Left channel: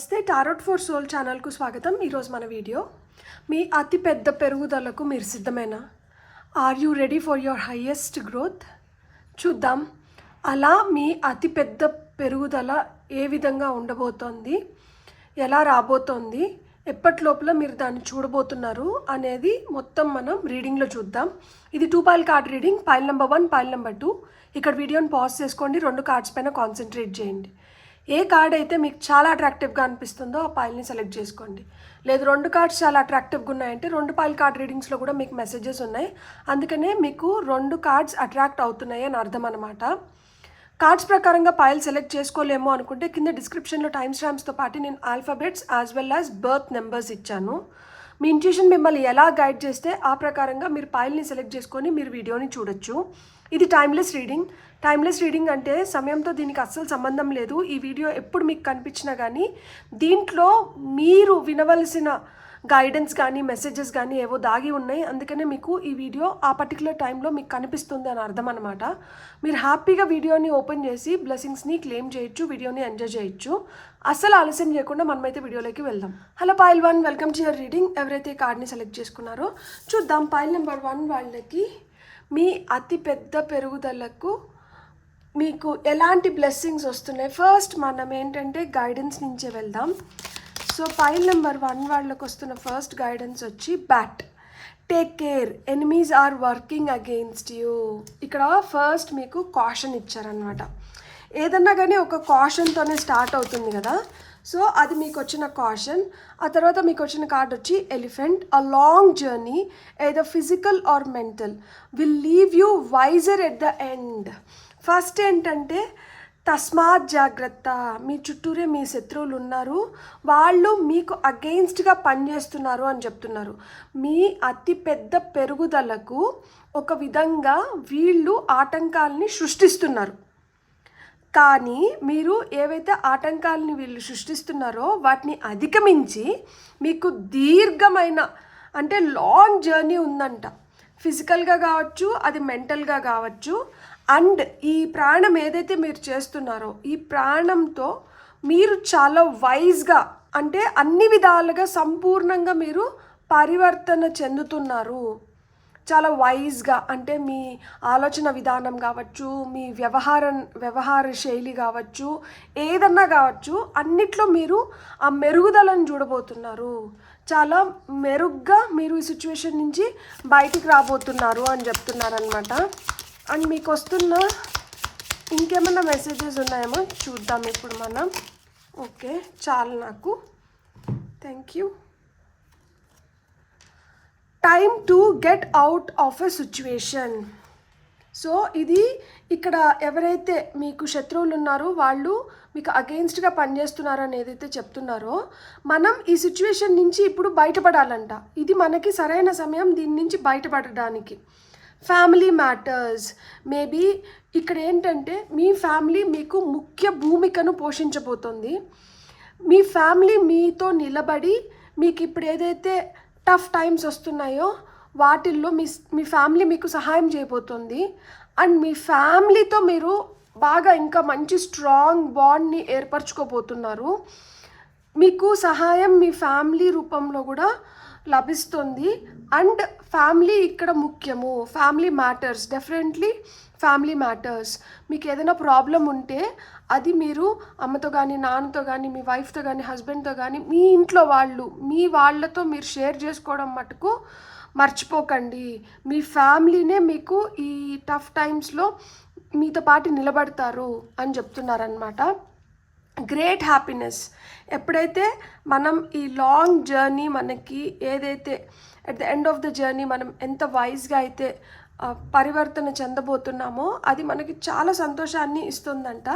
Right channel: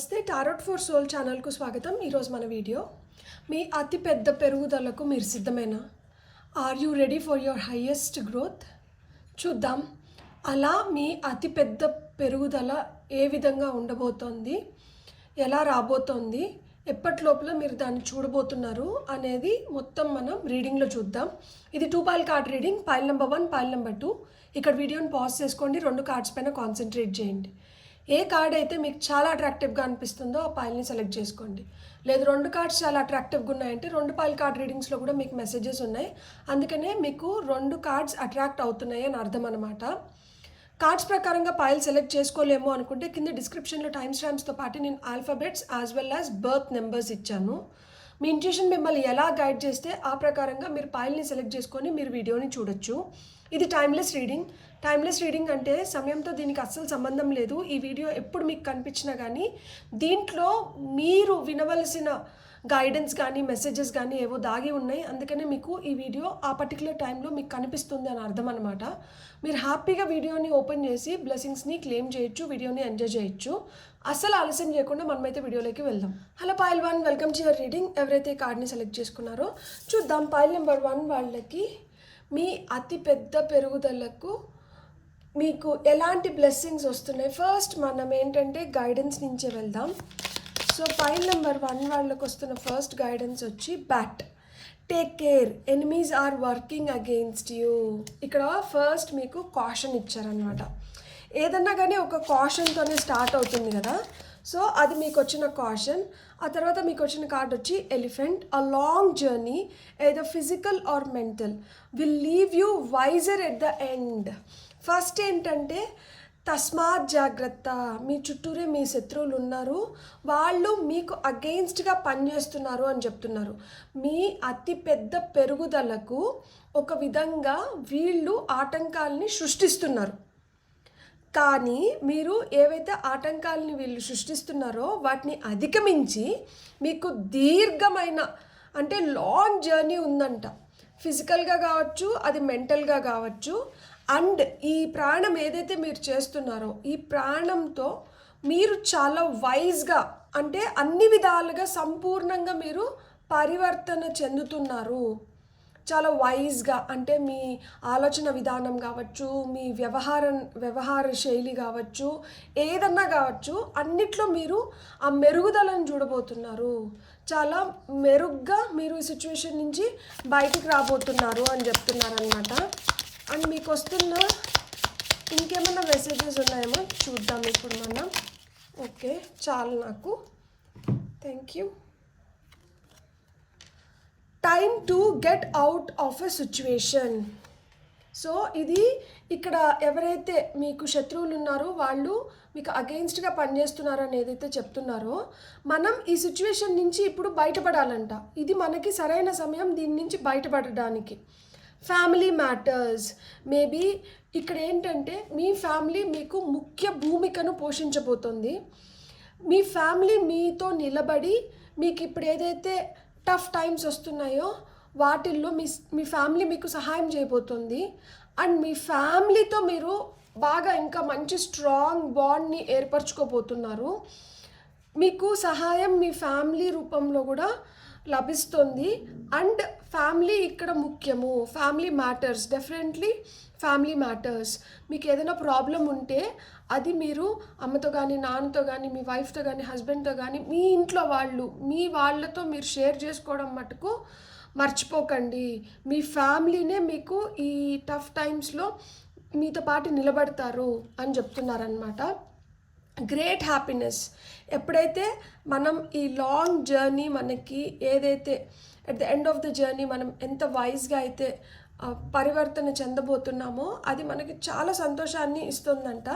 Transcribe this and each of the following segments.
నమస్తే tarot for soul ఛానల్కు స్వాగతం. ఈరోజు మన వీడియో మీ అతి పెద్ద పెరుగుదలకు మీరు సిద్ధమేనా? Are you ready for your highest growth? చూద్దాం అలా మీ అతి పెద్ద పెరుగుదల ఏ విధంగా ఉండబోతోంది, ఎలా రాబోతోంది, ఎప్పటి లోపల మీరు దాన్ని చూడబోతున్నారు అనేది మొత్తం మనం రీడింగ్లో చూద్దాం. ఇది 2 pile card reading. Pile number 1, pile number 2. ఇక్కడ వీడియోని పాజ్ చేసుకోండి, 2 కార్డ్స్ పైన కాన్సన్ట్రేట్ చేయండి. ఏ కార్డ్ అయితే మీకు చాలా అట్రాక్టివ్గా అనిపిస్తుందో ఆ పైల్ని సెలెక్ట్ చేసుకోండి. లేదు 2 కార్డ్స్ చాలా అట్రాక్టివ్గా ఉన్నాయంటే 2 పైల్ కార్డ్ రీడింగ్స్లో కూడా మీకు మెసేజెస్ ఉన్నాయి, అందుకనే మీకు 2 కార్డ్స్ అట్రాక్ట్ అవుతున్నాయి అని అర్థం అనమాట. కార్డ్స్ ప్రకారంగా పైల్ సెలెక్ట్ చేసుకోలేమో అనుకుంటే కింద డిస్క్రిప్షన్లో టైమ్ స్టాంప్స్తో పాటు నేను alphabets as well as berth numbers ఇచ్చాను. మీ ఇంట్యూషన్ మిమ్మల్ని ఎలా గైడ్ చేస్తే ఆ ప్రకారంగా మీరు పైల్ని సెలెక్ట్ చేసుకొని మీరు వీడియోని చూడొచ్చు. ఇది టైమ్లెస్ రీడింగ్. టైమ్లెస్ రీడింగ్ అంటే సమయంతో దీనికి అస్సలు సంబంధం లేదు. ఈ వీడియో ఎప్పుడు మీకు కనిపించినా కానీ దీంట్లో మీరు వినవలసిన గైడెన్స్ కానీ మెసేజెస్ కానీ ఏవో దాగి ఉన్నాయి, అందుకనే మీకు ఈ వీడియో ఆ పర్టికులర్ టైంలో మీకు కనిపిస్తుంది అని అర్థం అనమాట. మీరు హ్యాపీగా వీడియోని ఓపెన్ చేసి బ్లెస్సింగ్స్ని క్లెయిమ్ చేయొచ్చు, వీడియోని ఎంజాయ్ చేయొచ్చు. అస్సలు ఆలస్యం చేయకుండా మనమైతే వీడియోలోకి వెళ్దాం. Hello pile 1, welcome to your reading. ఎవరైతే కార్డ్ని సెలెక్ట్ చేసుకున్నారో చూద్దాం. పైల్ నెంబర్ 1 వాళ్ళకి మీ అతి పెద్ద పెరుగుదలకు మీకు ఎలాంటి బ్లెస్సింగ్స్ వస్తున్నాయి. ఫస్ట్ మనం ఏంటంటే గైడెన్స్ నుంచే వెళ్దాం. సో పైల్ నెంబర్ 1 వాళ్ళకి వస్తున్న ఫస్ట్ గైడెన్స్ వచ్చి bat. Take care, enemies are working against you. ఇక్కడ ఫస్ట్ మీకు కాషన్ ఇచ్చారనమాట. ఏదన్నా కానీ ఒక కాషన్తోనే స్టార్ట్ అవుతుంది కదా, సో అది మీకు వచ్చిన కాషన్. ఆ తర్వాత మీకు వచ్చిన కార్డ్ వచ్చి ఎలిఫెంట్. అ లాంగ్ జర్నీ ఏదో physical or mental will leave you wiser at the end. First ఏంటంటే తస్మాత్ జాగ్రత్త, మీ చుట్టూరే మీ శత్రువులు ఉన్నారు, వాళ్ళు మీకు అగెయిన్స్ట్గా పనిచేస్తున్నారు అని చెప్తున్నారు. మీ అతి పెద్ద పెరుగుదలకు ఒక విధంగా వీళ్ళు ఆటంకాలని సృష్టిస్తున్నారు, కానీ మీరు ఏవైతే ఆటంకాలని వీళ్ళు సృష్టిస్తున్నారో వాటిని అధిగమించి మీకు దీర్ఘమైన అంటే లాంగ్ జర్నీ ఉందంట. ఫిజికల్గా కావచ్చు, అది మెంటల్గా కావచ్చు. అండ్ ఈ ప్రాణం ఏదైతే మీరు చేస్తున్నారో ఈ ప్రాణంతో మీరు చాలా వైజ్గా అంటే అన్ని విధాలుగా సంపూర్ణంగా మీరు పరివర్తన చెందుతున్నారు. చాలా వైజ్గా అంటే మీ ఆలోచన విధానం కావచ్చు, మీ వ్యవహార శైలి కావచ్చు, ఏదన్నా కావచ్చు, అన్నిట్లో మీరు ఆ మెరుగుదలను చూడబోతున్నారు. చాలా మెరుగ్గా మీరు ఈ సిచ్యువేషన్ నుంచి బయటికి రాబోతున్నారు అని చెప్తున్నారనమాట. అండ్ మీకు వస్తున్న ఇంకేమన్నా మెసేజెస్ ఉన్నాయేమో చూద్దాం ఇప్పుడు మనం. ఓకే, చాలు నాకు. Thank you. Time to get out of a situation. So ఇది ఇక్కడ ఎవరైతే మీకు శత్రువులు ఉన్నారో వాళ్ళు మీకు అగెయిన్స్ట్గా పనిచేస్తున్నారు అని ఏదైతే చెప్తున్నారో మనం ఈ సిచ్యువేషన్ నుంచి ఇప్పుడు బయటపడాలంట. ఇది మనకి సరైన సమయం దీని నుంచి బయటపడడానికి. ఫ్యామిలీ మ్యాటర్స్ మేబీ ఇక్కడ ఏంటంటే మీ ఫ్యామిలీ మీకు ముఖ్య భూమికను పోషించబోతుంది. మీ ఫ్యామిలీ మీతో నిలబడి మీకు ఇప్పుడు ఏదైతే టఫ్ టైమ్స్ వస్తున్నాయో వాటిల్లో మీ ఫ్యామిలీ మీకు సహాయం చేయబోతుంది. అండ్ మీ ఫ్యామిలీతో మీరు బాగా ఇంకా మంచి స్ట్రాంగ్ బాండ్ని ఏర్పరచుకోబోతున్నారు. మీకు సహాయం మీ ఫ్యామిలీ రూపంలో కూడా లభిస్తుంది. అండ్ ఫ్యామిలీ ఇక్కడ ముఖ్యము. Family matters, definitely family matters. మీకు ఏదైనా ప్రాబ్లం ఉంటే అది మీరు అమ్మతో కానీ, నాన్నతో కానీ, మీ వైఫ్తో కానీ, హస్బెండ్తో కానీ, మీ ఇంట్లో వాళ్ళతో మీరు షేర్ చేసుకోవడం మటుకు మర్చిపోకండి. మీ ఫ్యామిలీనే మీకు ఈ టఫ్ టైమ్స్లో మీతో పాటు నిలబడతారు అని చెప్తున్నారనమాట. Great happiness. ఎప్పుడైతే మనం ఈ లాంగ్ జర్నీ మనకి ఏదైతే at the end of the journey మనం ఎంత వైజ్గా అయితే పరివర్తన చెందబోతున్నామో అది మనకి చాలా సంతోషాన్ని ఇస్తుందంట.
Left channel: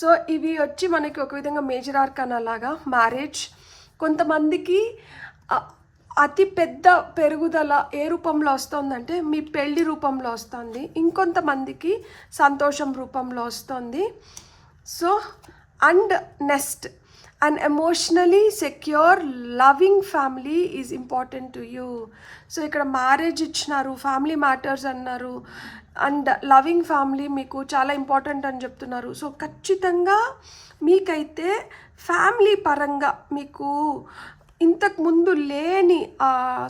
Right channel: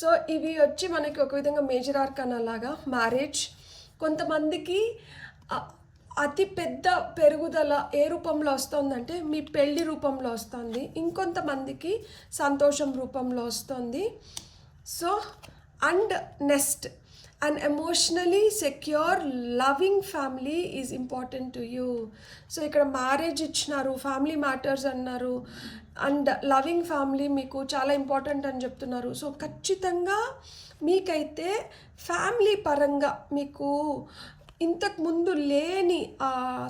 సో ఇవి వచ్చి మనకి ఒక విధంగా మేజర్ ఆర్కానా లాగా మ్యారేజ్. కొంతమందికి అతి పెద్ద పెరుగుదల ఏ రూపంలో వస్తుందంటే మీ పెళ్లి రూపంలో వస్తుంది, ఇంకొంతమందికి సంతోషం రూపంలో వస్తుంది. So and next an emotionally secure loving family is important to you. So ఇక్కడ మ్యారేజ్ ఇచ్చినారు, ఫ్యామిలీ మ్యాటర్స్ అన్నారు, అండ్ లవింగ్ ఫ్యామిలీ మీకు చాలా ఇంపార్టెంట్ అని చెప్తున్నారు. సో ఖచ్చితంగా మీకైతే ఫ్యామిలీ పరంగా మీకు ఇంతకుముందు లేని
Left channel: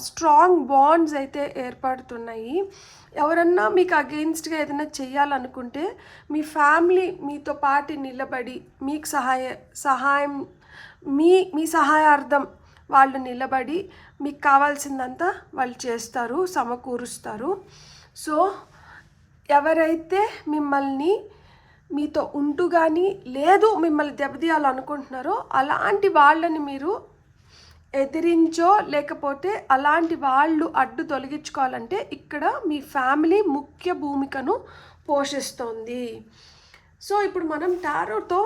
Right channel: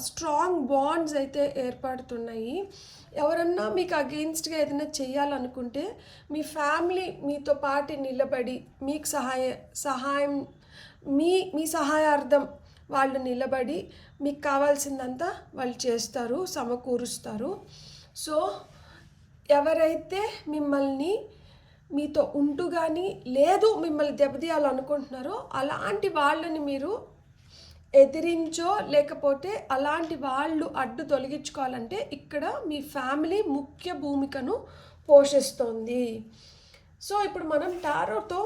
స్ట్రాంగ్ బాండ్స్ అయితే ఏర్పడుతున్నాయి. ఎవరన్నా మీకు అగెయిన్స్ట్గా ఏదైనా చేయాలనుకుంటే మీ ఫ్యామిలీ మీతో పాటు నిలబడి మీకు సహాయం మీ సహాయార్థం వాళ్ళు నిలబడి మీకు కావాల్సిందంతా వాళ్ళు చేస్తారు, సమకూరుస్తారు. సో ఎవరైతే మిమ్మల్ని మీతో ఉంటూ కానీ లేదు మిమ్మల్ని దెబ్బతీయాలనుకుంటున్నారో అలాంటి వాళ్ళని మీరు ఎదిరించో లేకపోతే అలాంటి వాళ్ళు అడ్డు తొలగించుకోవాలంటే ఇక్కడ మీ ఫ్యామిలీ ముఖ్య భూమికను పోషిస్తుంది. సో ఇప్పుడు మనం టారోతో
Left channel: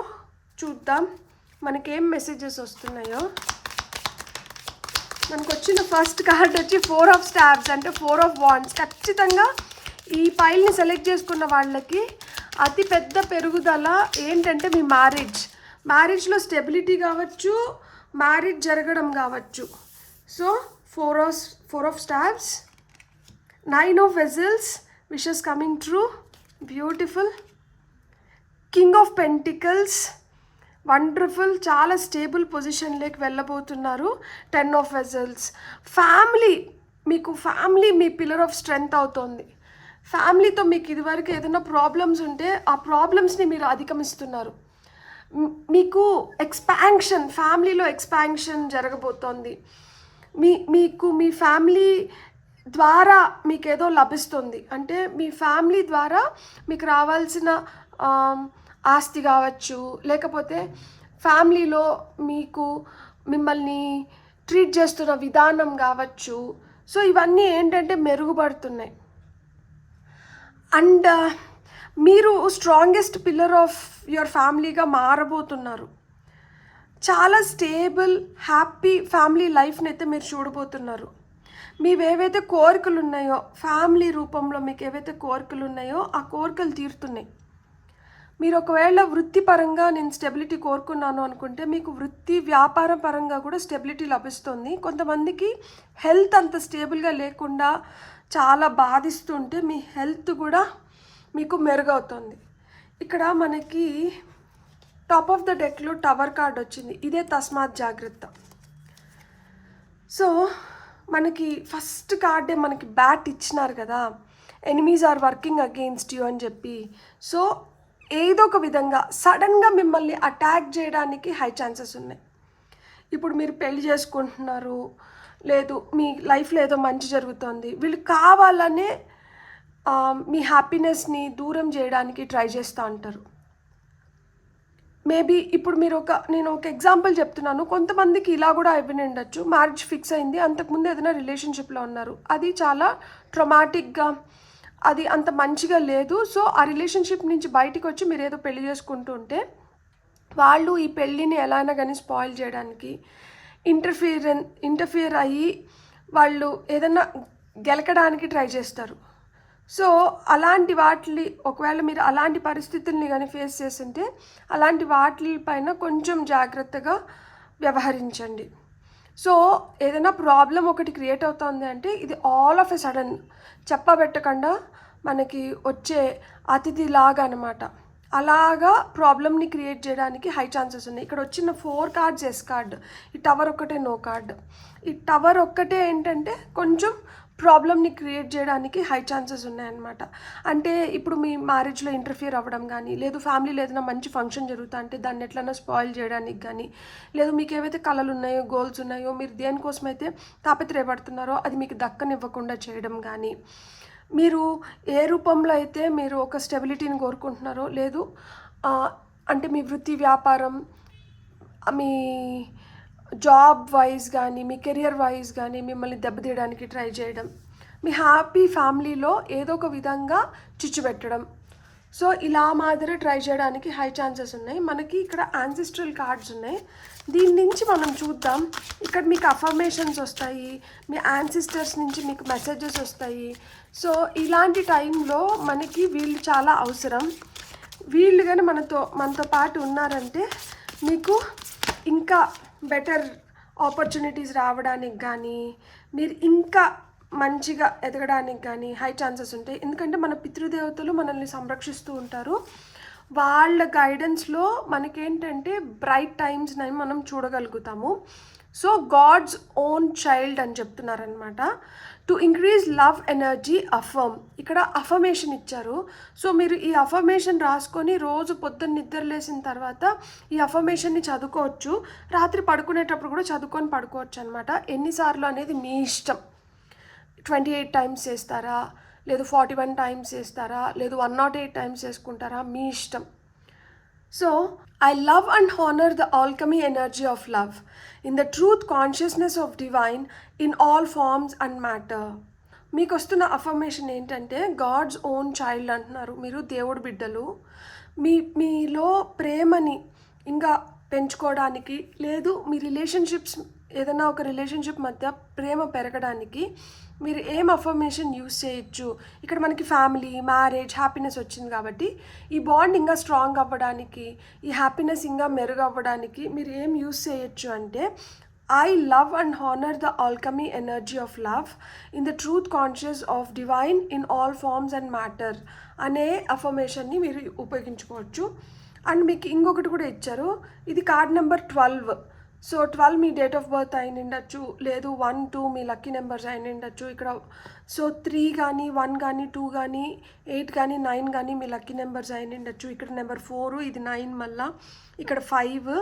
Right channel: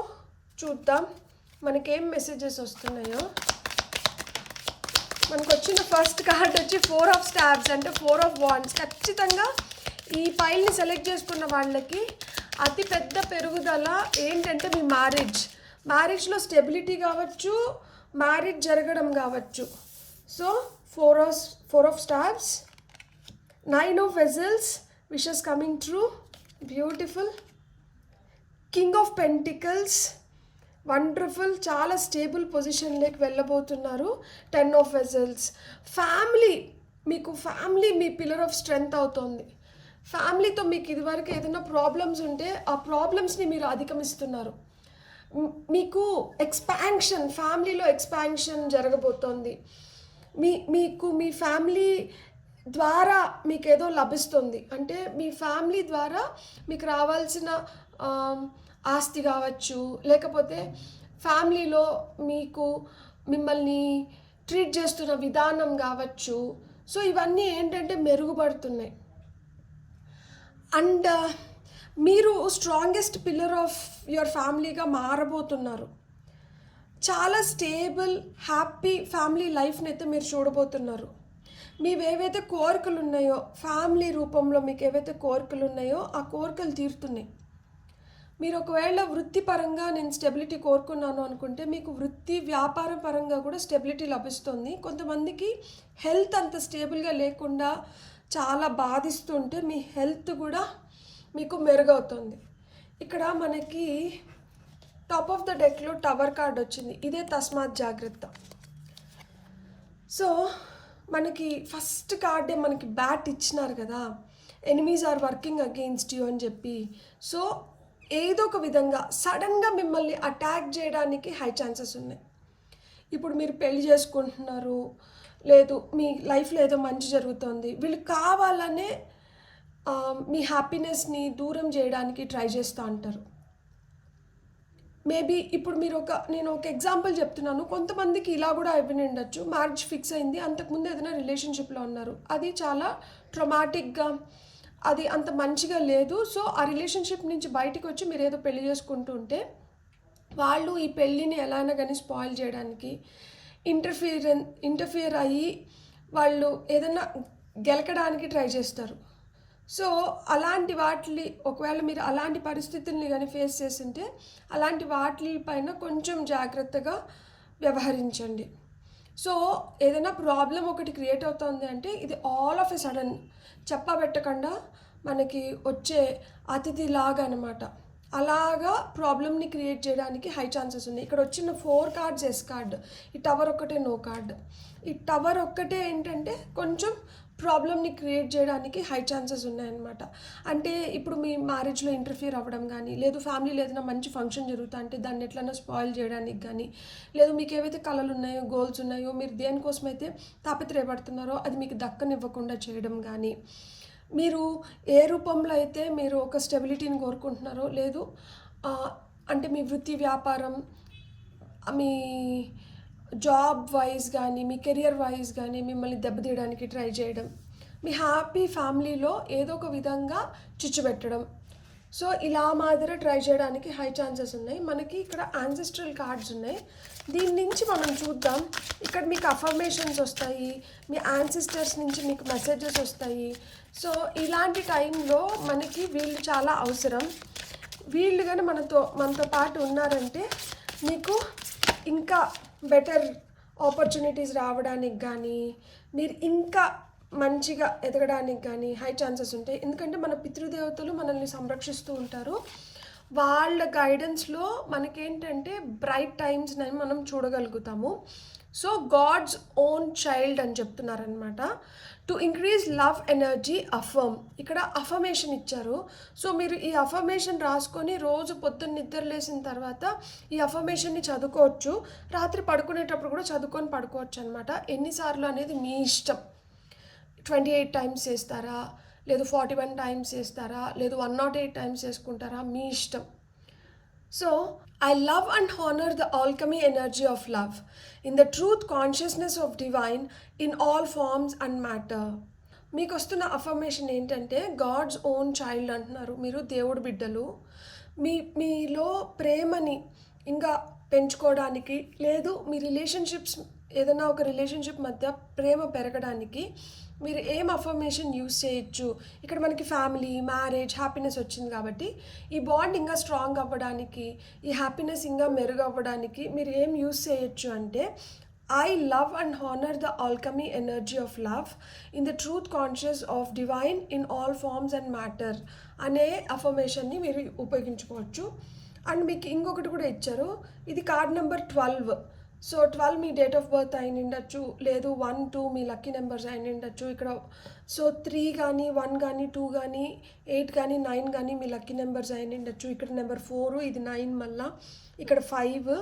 చూద్దాం మనకేం మెసేజెస్ వస్తున్నాయో. మనకు వచ్చిన ఫస్ట్ కార్డ్ వచ్చి 4 ఆఫ్ స్టాబ్స్ అంటే 4 ఆఫ్ వాండ్స్. ఖచ్చితంగా ఈ పైల్ని సెలెక్ట్ చేసుకున్న వాళ్ళకి అతి పెద్ద పెరుగుదల ఏంటంటే మీ మ్యారేజ్లో స్టెబిలిటీ కావచ్చు, మ్యారేజ్ జరగడం కావచ్చు. So 4 of staves, 9 of vessels, wishes coming true, beautiful. King of pentacles, wonderful, చాలా స్టేబుల్ పొజిషన్లోకి వెళ్ళబోతున్నారు. 10 ఆఫ్ వెజల్స్. మీకు ఫ్యామిలీ మీ పిల్లర్ ఆఫ్ స్ట్రెంగ్త్ అవుతుంది. ఫ్యామిలీతో మీకు ఇదివరకు ఏదైనా ప్రాబ్లమ్స్ ఉంటే ఆ ప్రాబ్లమ్స్ని మీరు అధిగమిస్తున్నారు. మీకు ఫ్యామిలీలో ఎక్స్పాన్షన్ జరగబోతోంది. మీకు మీ ఫ్యామిలీ ద్వారా మీకు ఏదో లభిస్తుంది. అంటే మీ ఫ్యామిలీ ద్వారా మీకు రావాల్సిన ఆస్తి కావచ్చు, లేకపోతే ఫ్యామిలీలో మిమ్మల్ని ట్రీట్ చేస్తున్న విధానం కావచ్చు. సో ఇవన్నీ ఏంటంటే మెరుగుపడుతున్నాయి. అండ్ మీరు స్ట్రాంగెస్ట్ పిల్లర్ ఆఫ్ యువర్ ఫ్యామిలీగా మారబోతున్నారు. చాలా స్టేబుల్ హ్యాపీ ఫ్యామిలీ లైఫ్ని అయితే మీరు చూడబోతున్నారు. మీవేవైతే కోరికలు ఉన్నాయో ఫ్యామిలీ రూపంలో మీకు ఏవైతే కోరికలు ఉన్నాయో ఆ కోరికలు తీరుతున్నాయి. మీరు ఒకవేళ వృత్తిపరంగా నేను స్టెబిలిటీ కోరుకున్నాను అనుకుంటే మీకు వృత్తి వ్యాపారం పరంగా కూడా స్టెబిలిటీ లభిస్తుంది. కొంతమందికి హెల్త్ అంత స్టేబుల్గా లేకుండా చాలా బాధిస్తుంటే మీ హెల్త్ కూడా మీకు మెరుగవుతుంది. ఇక్కడ మనకి టాప్ ఆఫ్ ద డెక్లో టవర్ కార్డ్ వచ్చింది. ఇదే తస్మాత్ జాగ్రత్త. సో మనకి ఫస్ట్ కార్డే మనకి బ్యాట్ ఇచ్చినారు కదా, enemies are working against you అని చెప్పి. సో ఏదో ఒక విధంగా సడన్గా మిమ్మల్ని అటాక్ చేయడానికి హై ఛాన్సెస్ ఉన్నాయి. ఇప్పుడు మీరు పెళ్లి చేసుకుంటున్నారు, లేదు మీ లైఫ్లో ఏదో మంచి జరుగుతుంది, వీళ్ళు కావాలనే మీ హ్యాపీనెస్ని దూరం చేయడానికి ట్రై చేస్తూ ఉంటారు. మేబీ ఇప్పుడు నేను ఒక ఎగ్జాంపుల్ చెప్తున్నాను. కొంతమందికి ఇలా కూడా అయిపోయి ఉండొచ్చు. మ్యారేజ్ ఫిక్స్ అయింది, అంతకుముందు ఏదైనా రిలేషన్షిప్లో ఉన్నారు, అది చాలా ట్రమాటిక్గా, అది అంత మంచిగా లేదు. సో ఆ రిలేషన్షిప్ నుంచి బయటికి వచ్చి మీరు ఏదో పెళ్లి చేసుకుంటూ ఉంటే వాళ్ళు ఈ పెళ్ళిని ఎలా అయినా కానీ స్పాయిల్ చేయడానికి ఇంటర్ఫియర్ అయ్యి వాళ్ళు ఏదైనా గెలకడానికి ట్రై చేస్తారు. సో అలాంటి ఒకవేళ మీరు అలాంటి పరిస్థితుల్ని కానీ ఫేస్ చేస్తుంటే అలాంటి వాటిపైన కొంచెం జాగ్రత్తగా వ్యవహరించండి. సో ఏదైనా ప్రాబ్లం ఒకటి క్రియేట్ అవుతుంది అంటే ఇది ఆల్ ఆఫ్ ఎ సడన్ చెప్పబెట్టకుండా మనకి వచ్చే అతిథిలాగా అనమాట. అలాగా ప్రాబ్లమ్ని క్రియేట్ చేయడానికి హై ఛాన్సెస్ ఉన్నాయి. ఇక్కడ వచ్చిన 4 కార్డ్స్ ఎస్ కార్డ్, ఈ టవర్ ఒక్కటే నో కార్డ్. ఈ టవర్ ఒక్కటే ఏంటంటే కొంచెం ప్రాబ్లమ్ని క్రియేట్ చేయడానికి హై ఛాన్సెస్ ఉన్నాయన్నమాట. అంటే ఇప్పుడు మీ మ్యారేజ్లో ఇంటర్ఫియర్ అవ్వడం కానీ, లేదు ఫ్యామిలీలో ఏదైనా మంచి ఫంక్షన్ జరుగుతా అంటే దాన్ని ఎట్లన్నా స్పాయిల్ చేయడానికి కానీ, లేదు మీకు ఏవైతే కళలు ఉన్నాయో గోల్స్ ఉన్నాయో మీరు దేనికోసమైతే తాపత్రయపడుతున్నారో అది మీకు దక్కనివ్వకుండా చేయడం కానీ, మీరు ఏ రూపంలో అయితే మీరు ఒక స్టెబిలిటీని కోరుకుంటున్నారో, లేదు అంటే మీ వృత్తి వ్యాపారం, మీ జాబ్ వైజ్ కానీ, మీ కెరియర్ వైజ్ కానీ మిమ్మల్ని దెబ్బతీయడానికి ట్రై చేయడం, మీ హ్యాపీ ఫ్యామిలీలో ఏదో ఒక విధంగా చిచ్చు పెట్టడం. సో ఇలా మాదిరి ట్రై చేయడానికి హై ఛాన్సెస్ ఉన్నాయి. మనకి ఇక్కడ యాన్సెస్ట్రల్ కార్డ్స్ ఉన్నాయి. దీని నుంచి మనం చూద్దాం. ఇక్కడ మీకు అఫర్మేషన్స్ వస్తాయి, మీ యాన్సిస్టర్స్ నుంచి మీకు మెసేజెస్ వస్తాయి. సో ఇలాంటి టైంలో మనకి వీళ్ళు చాలా అవసరం. వీళ్ళు కానీ మనతో పాటు ఉన్నారంటే మీకు ఇంకా బెటర్ ఆపర్చునిటీస్ రావడానికి కానీ, మీరు ఇంకా మంచిగా ఎదగడానికి కానీ హై ఛాన్సెస్ ఉంటాయి. ఎందుకంటే మన పితృదేవతలు మనల్ని సంరక్షిస్తూ ఉంటారు. వాళ్ళ గైడెన్స్లో మనకేంటంటే బ్రైట్ టైమ్స్ని మనం చూడగలుగుతాము. సో గాడ్స్ ఓన్ చైల్డ్ అని చెప్తున్నారనమాట. To increase love energy affirm, ఇక్కడ అఫర్మేషన్ ఇచ్చారు. సో మీరు ఈ అఫర్మేషన్ రాసుకొని రోజు పొద్దున్న నిద్ర లేసిన తర్వాత ఈ అఫర్మేషన్ని చదువుకోవచ్చు. రాత్రి పడుకునేటప్పుడు కూడా చదువుకొని పడుకోవచ్చు అనమాట. ఎన్నిసార్లు అనేది మీ ఇష్టం. 28 టైమ్స్ చేస్తారా, లేదు 41 టైమ్స్ చేస్తారా, లేదు 108 టైమ్స్ చేసుకుంటారా, మీ ఇష్టం. So I love and honor the alchemy energy of love in the truth consciousness of divine in all forms and matter. మీకు వస్తున్న అఫర్మేషన్ ఏంటంటే గాడ్స్ ఓన్ చైల్డ్ అంటున్నారు. మీరు దేవుడి బిడ్డలు. మీలో ప్రేమని ఇంకా పెంచుకోవడానికి, లేదు మీ రిలేషన్షిప్స్ ఏదైనా ఒక రిలేషన్షిప్ మధ్య ప్రేమ పెరగడానికి మీరు ఏం అఫర్మేషన్ యూస్ చేయొచ్చు. ఇక్కడ మనకి ఫ్యామిలీ, మ్యారేజ్, హ్యాపీనెస్ వచ్చింది కాబట్టి ఈ బాండ్ ఇంకా స్ట్రాంగ్ అవ్వడానికి, ఈ హ్యాపీనెస్ ఇంకా మెరుగు అవ్వడానికి మీరు ఏం యూస్ చేయొచ్చు అంటే I love and honor the alchemy energy of love in the truth conscious of divine in all forms and matter అనే అఫర్మేషన్ని మీరు ఉపయోగించుకోవచ్చు. అండ్ మీకు ఇంకొకటి కూడా ఇచ్చారు. ఇది card number 12. So 12 me date of birth అయిన ఉండొచ్చు, లేదు 1, 2 మీ లక్కీ నెంబర్స్ అయిన ఉండొచ్చు. ఇక్కడ సో 3 కానీ 1 కానీ 2 కానీ 8 కానీ 9 కానీ మీ లక్కీ నెంబర్స్ అయిన ఉండొచ్చు. ఇక్కడ నెంబర్ 4, ఇది 9, మళ్ళా ఇక్కడ 5,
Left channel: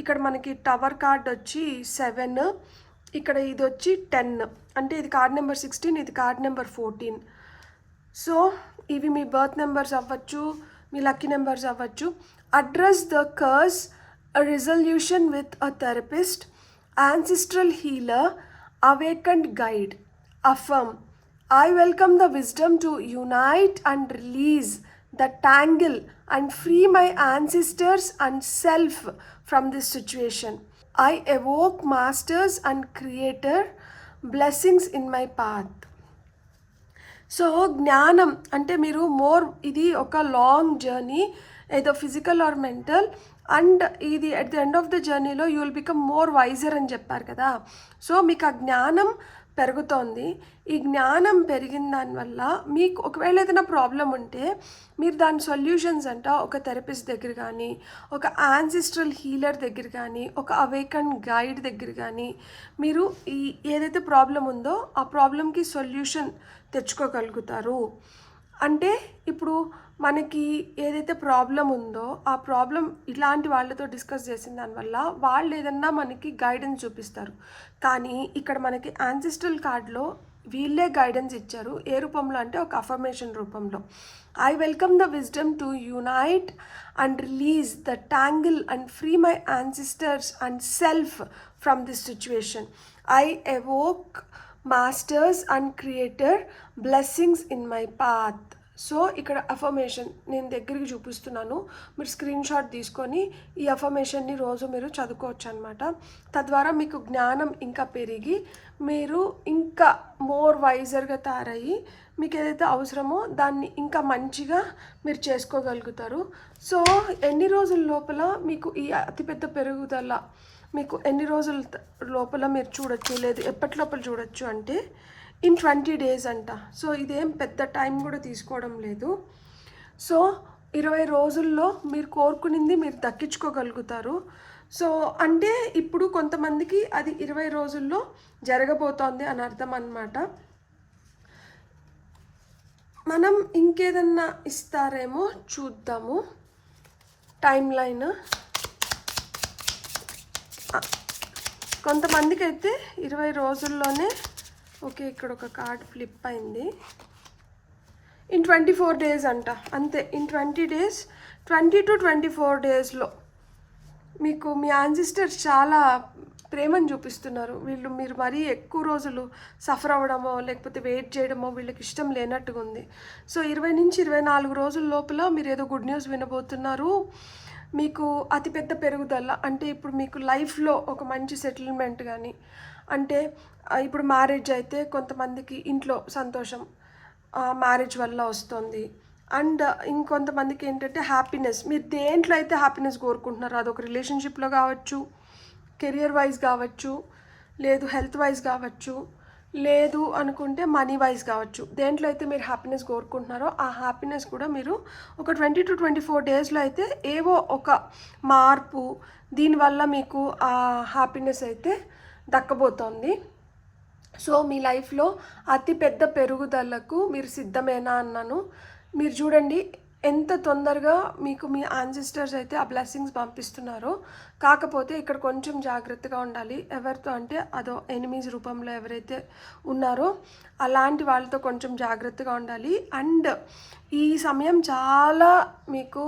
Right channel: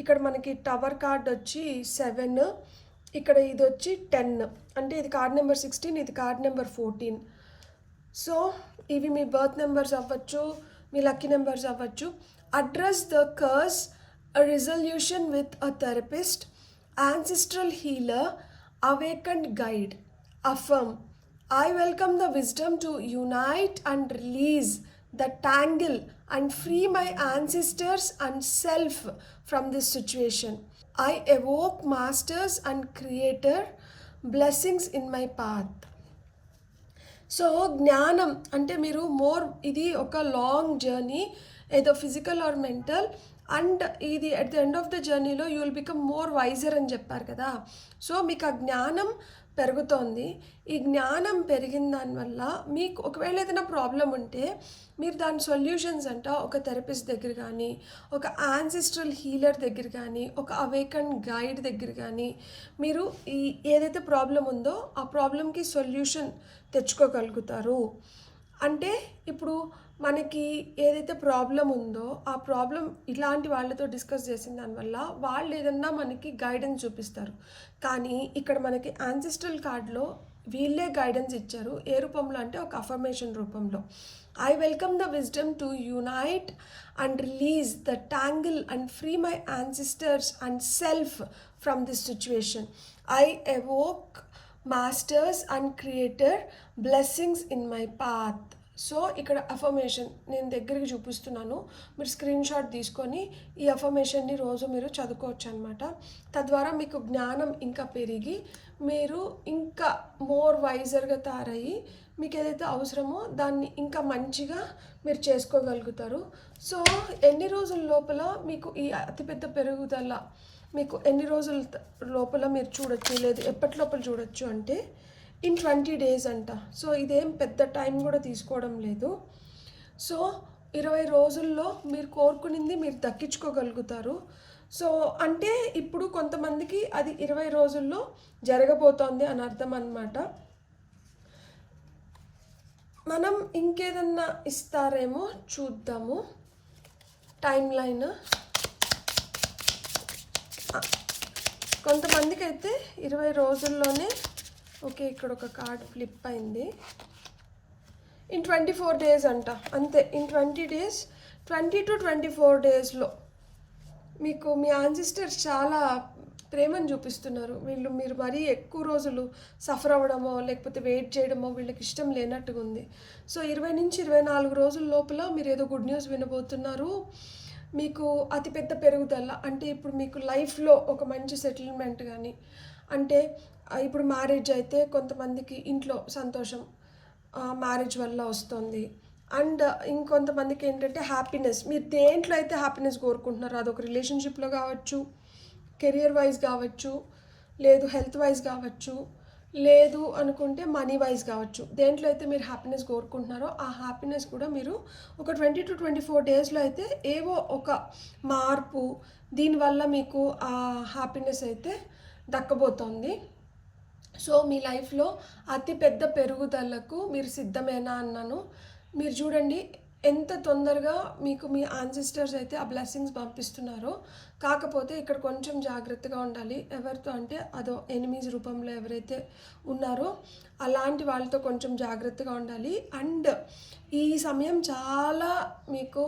ఇక్కడ మనకి టవర్ కార్డ్ వచ్చి 7, ఇక్కడ ఇది వచ్చి 10, అంటే ఇది కార్డ్ నెంబర్ 16, ఇది కార్డ్ నెంబర్ 14. సో ఇవి మీ బర్త్ నెంబర్స్ అవ్వచ్చు, మీ లక్కీ నెంబర్స్ అవ్వచ్చు. Address the curse, a resolution with a therapist, ancestral healer, awakened guide. Affirm, I welcome the wisdom to unite and release the tangle and free my ancestors and self from this situation. I evoke masters and creator blessings in my path. So జ్ఞానం అంటే మీరు ఇది ఒక long journey, ఏదో physical or mental, and ఇది at the end of the జర్నీలో you will become more wiser అని చెప్పారు కదా. సో మీకు ఆ జ్ఞానం పెరుగుతోంది. ఈ జ్ఞానం పెరిగిన దానివల్ల మీకు ఒకవేళ ఏదైనా ప్రాబ్లం ఉంటే మీరు దాని సొల్యూషన్స్ అంట ఒక థెరపిస్ట్ దగ్గర కానీ, ఒక యాన్సిస్ట్రల్ హీలర్ దగ్గర కానీ, ఒక అవేకన్ గైడ్ దగ్గర కానీ మీరు ఈ ఏదైతే ప్రాబ్లం ఉందో ఆ ప్రాబ్లంకి సొల్యూషన్ తెచ్చుకోగలుగుతారు. అంటే ఇప్పుడు మనకి ఏదైతే ప్రాబ్లం ఉందో ఆ ప్రాబ్లం ఇలాంటి వాళ్ళతో డిస్కస్ చేసిన దానివల్ల వాళ్ళు ఏదన్నా మనకి గైడెన్స్ చూపిస్తారు. కానీ ఇక్కడ మనకి యాన్సిస్ట్రల్ కార్డ్లో వీళ్ళే గైడెన్స్ ఇచ్చారు. ఏ రూపంలో అంటే ఒక అఫర్మేషన్ రూపంలో. I welcome the wisdom to unite and release the tangle and free my ancestors and self from this situation. I evoke masters and creator blessings in my path. So ఇక్కడ affirmation నేను దగ్గరికి చూపిస్తున్నాను, మీరు screen shot తీసుకొని ఈ అఫర్మేషన్ని రోజు మీరు చదువుకోవచ్చు అనమాట. తద్వారా మీకు జ్ఞానం ఇంకా పెరిగి మీరు ఇంకా మోర్ వైజర్గా తయారయ్యి మీకు ఏదైతే అవసరమో దాన్ని ఇంకా మంచిగా మీరు చేసుకోగలుగుతారు. సో ఎన్ని రోజుల లోపల మీకు ఈ అతిపెద్ద పెరుగుదల మీకు ఎన్ని రోజుల లోపల మీరు చూడొచ్చు, లేదు ఎప్పటి లోపల చూడొచ్చు అంటే in 20 days అంట. సో ఇదేం పెద్ద టైం కూడా తీసుకోవడం లేదు. సో 20 రోజుల్లో మీరు కోరుకునింది మీరు దక్కించుకోగలుగుతారు. సో అంటే ఇప్పుడు కొంతమందికి అది 20 రోజుల్లో జరగబోతోంది అని అర్థం అన్నమాట. మనం ఇంకేదన్నా ఇస్తారేమో చూద్దాము. టైం లైన్ కొంతమందికి అయితే 20 రోజుల్లోనే, ఓకే ఇక్కడ ఒక కార్డ్ ఫ్లిప్ అయింది, ఇన్ 24 days అంట. అంతే, ఇన్ 20 days, 20 to 24 daysలో మీకు మీ యాన్సిస్టర్స్ చాలా ప్రేమను చూపిస్తున్నారు. మీరు మరీ ఎక్కువ రోజులు సఫర్ అవ్వడమో లేకపోతే వెయిట్ చేయడమో వీళ్ళకి ఇష్టం లేనట్టుగా ఉంది. సో 20 నుంచి 24 రోజుల లోపల మీరు ఏదో గుడ్ న్యూస్ వినబోతున్నారు. మీకు అతిపెద్ద పెరుగుదల అంటే ఇప్పుడు మీకు లైఫ్లో ఒక మంచి సెటిల్మెంట్ కానీ, అంటే ఇప్పుడు మ్యారేజ్ అయితే కొంతమందికి ఇంట్లో సంతోషం మ్యారేజ్ వల్ల వస్తుంది. అండ్ ఇంకొంతమందికి ఏంటంటే హ్యాపీనెస్, మీరు దేంట్లో అయితే హ్యాపీనెస్ కోరుకుంటున్నారో అదొక రిలేషన్షిప్లో కావచ్చు, కెరియర్ వైజ్ కావచ్చు, లేదు హెల్త్ వైజ్ కావచ్చు, లేదు అనుకుంటే మనీ వైజ్ కావచ్చు. దేంట్లో అయితే మీరు హ్యాపీనెస్ కోరుకుంటున్నారో ఆ హ్యాపీనెస్ కూడా మీరు ఒక 20 to 24 డేస్లో అయితే ఏవో ఒక మార్పు దీనివల్ల మీకు ఆ హ్యాపీనెస్ అయితే దక్కబోతోంది. సో మీ లైఫ్లో అతి పెద్ద పెరుగుదలకు మీరు సిద్ధమేనా అన్నాను. మీరు చూడండి ఎంత తొందరగా మీకు మీ యాన్సిస్టర్స్ అయితే ఆ బ్లెస్సింగ్స్ పంపిస్తున్నారో. కాకపోతే ఇక్కడ కొంచెం జాగ్రత్తగా ఉండాలి. ఎవరితో అంటే అదో ఎనిమీస్ రూపంలో ఎవరైతే ఉన్నారో అలాంటి వాళ్ళతో కొంచెం జాగ్రత్తగా ఉండాలి. అండ్ ఈ సమయం చాలా మీకు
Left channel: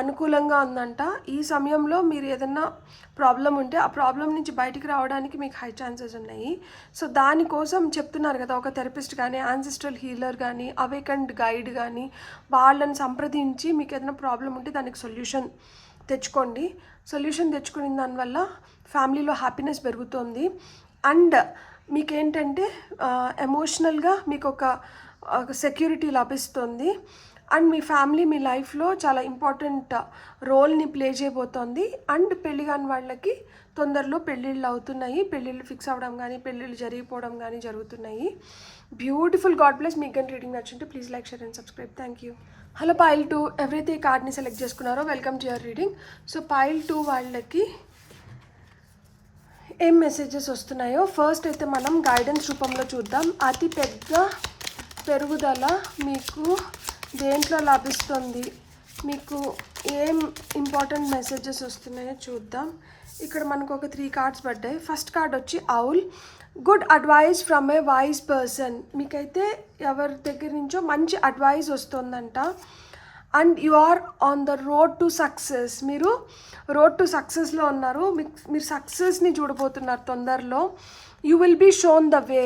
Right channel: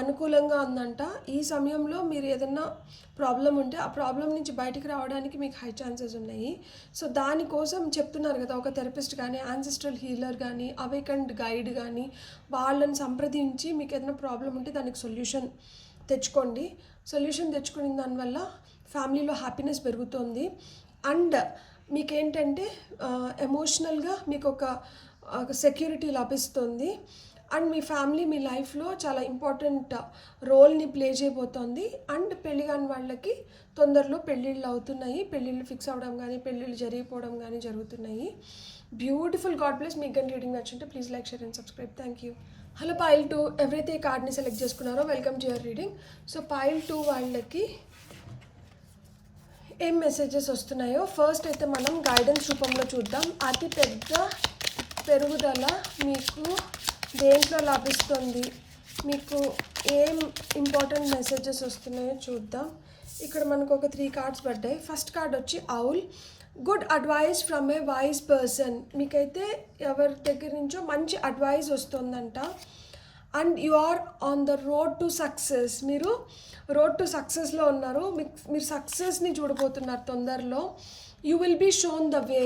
అనుకూలంగా ఉందంట. ఈ సమయంలో మీరు ఏదన్నా ప్రాబ్లం ఉంటే ఆ ప్రాబ్లం నుంచి బయటికి రావడానికి మీకు హై ఛాన్సెస్ ఉన్నాయి. సో దానికోసం చెప్తున్నారు కదా, ఒక థెరపిస్ట్ కానీ యాన్సిస్ట్రల్ హీలర్ కానీ అవేకండ్ గైడ్ కానీ వాళ్ళని సంప్రదించి మీకు ఏదైనా ప్రాబ్లం ఉంటే దానికి సొల్యూషన్ తెచ్చుకోండి. సొల్యూషన్ తెచ్చుకున్న దానివల్ల ఫ్యామిలీలో హ్యాపీనెస్ పెరుగుతుంది. అండ్ మీకేంటంటే ఎమోషనల్గా మీకు ఒక సెక్యూరిటీ లభిస్తుంది. అండ్ మీ ఫ్యామిలీ మీ లైఫ్లో చాలా ఇంపార్టెంట్ రోల్ని ప్లే చేయబోతోంది. అండ్ పెళ్ళి కాని వాళ్ళకి తొందరలో పెళ్ళిళ్ళు అవుతున్నాయి. పెళ్ళిళ్ళు ఫిక్స్ అవ్వడం కానీ పెళ్ళిళ్ళు జరిగిపోవడం కానీ జరుగుతున్నాయి. బ్యూటిఫుల్. God bless. మీకు కానీ రీడింగ్ నచ్చుంటే please like, share and subscribe. Thank you. Hello pile 2, ఎవరైతే ఈ కార్డ్ని సెలెక్ట్ చేసుకున్నారో welcome to your reading. So pile 2 వాళ్ళకి ఏం మెసేజెస్ వస్తున్నాయో ఫస్ట్ అయితే మనం గైడెన్స్ రూపంలో చూద్దాం. అతి పెద్ద పెరుగుదల మీకు దేంట్లో లభిస్తుంది, మీకు ఏం ఇంపార్టెంట్ మెసేజెస్ వస్తున్నాయో చూద్దాం. ఇక్కడ మనకు ఒక 3 కార్డ్స్ పడ్డాయి. ఫస్ట్ కార్డ్ వచ్చి owl. Good advice from a wise person. మీకైతే ఎవరి దగ్గర నుంచో మంచి అడ్వైస్ వస్తుందంట. And you are on the road to success. మీరు రోడ్ టు సక్సెస్లో ఉన్నారు. మీరు సక్సెస్ని చూడబోతున్నారు తొందరలో. You will be shown the way.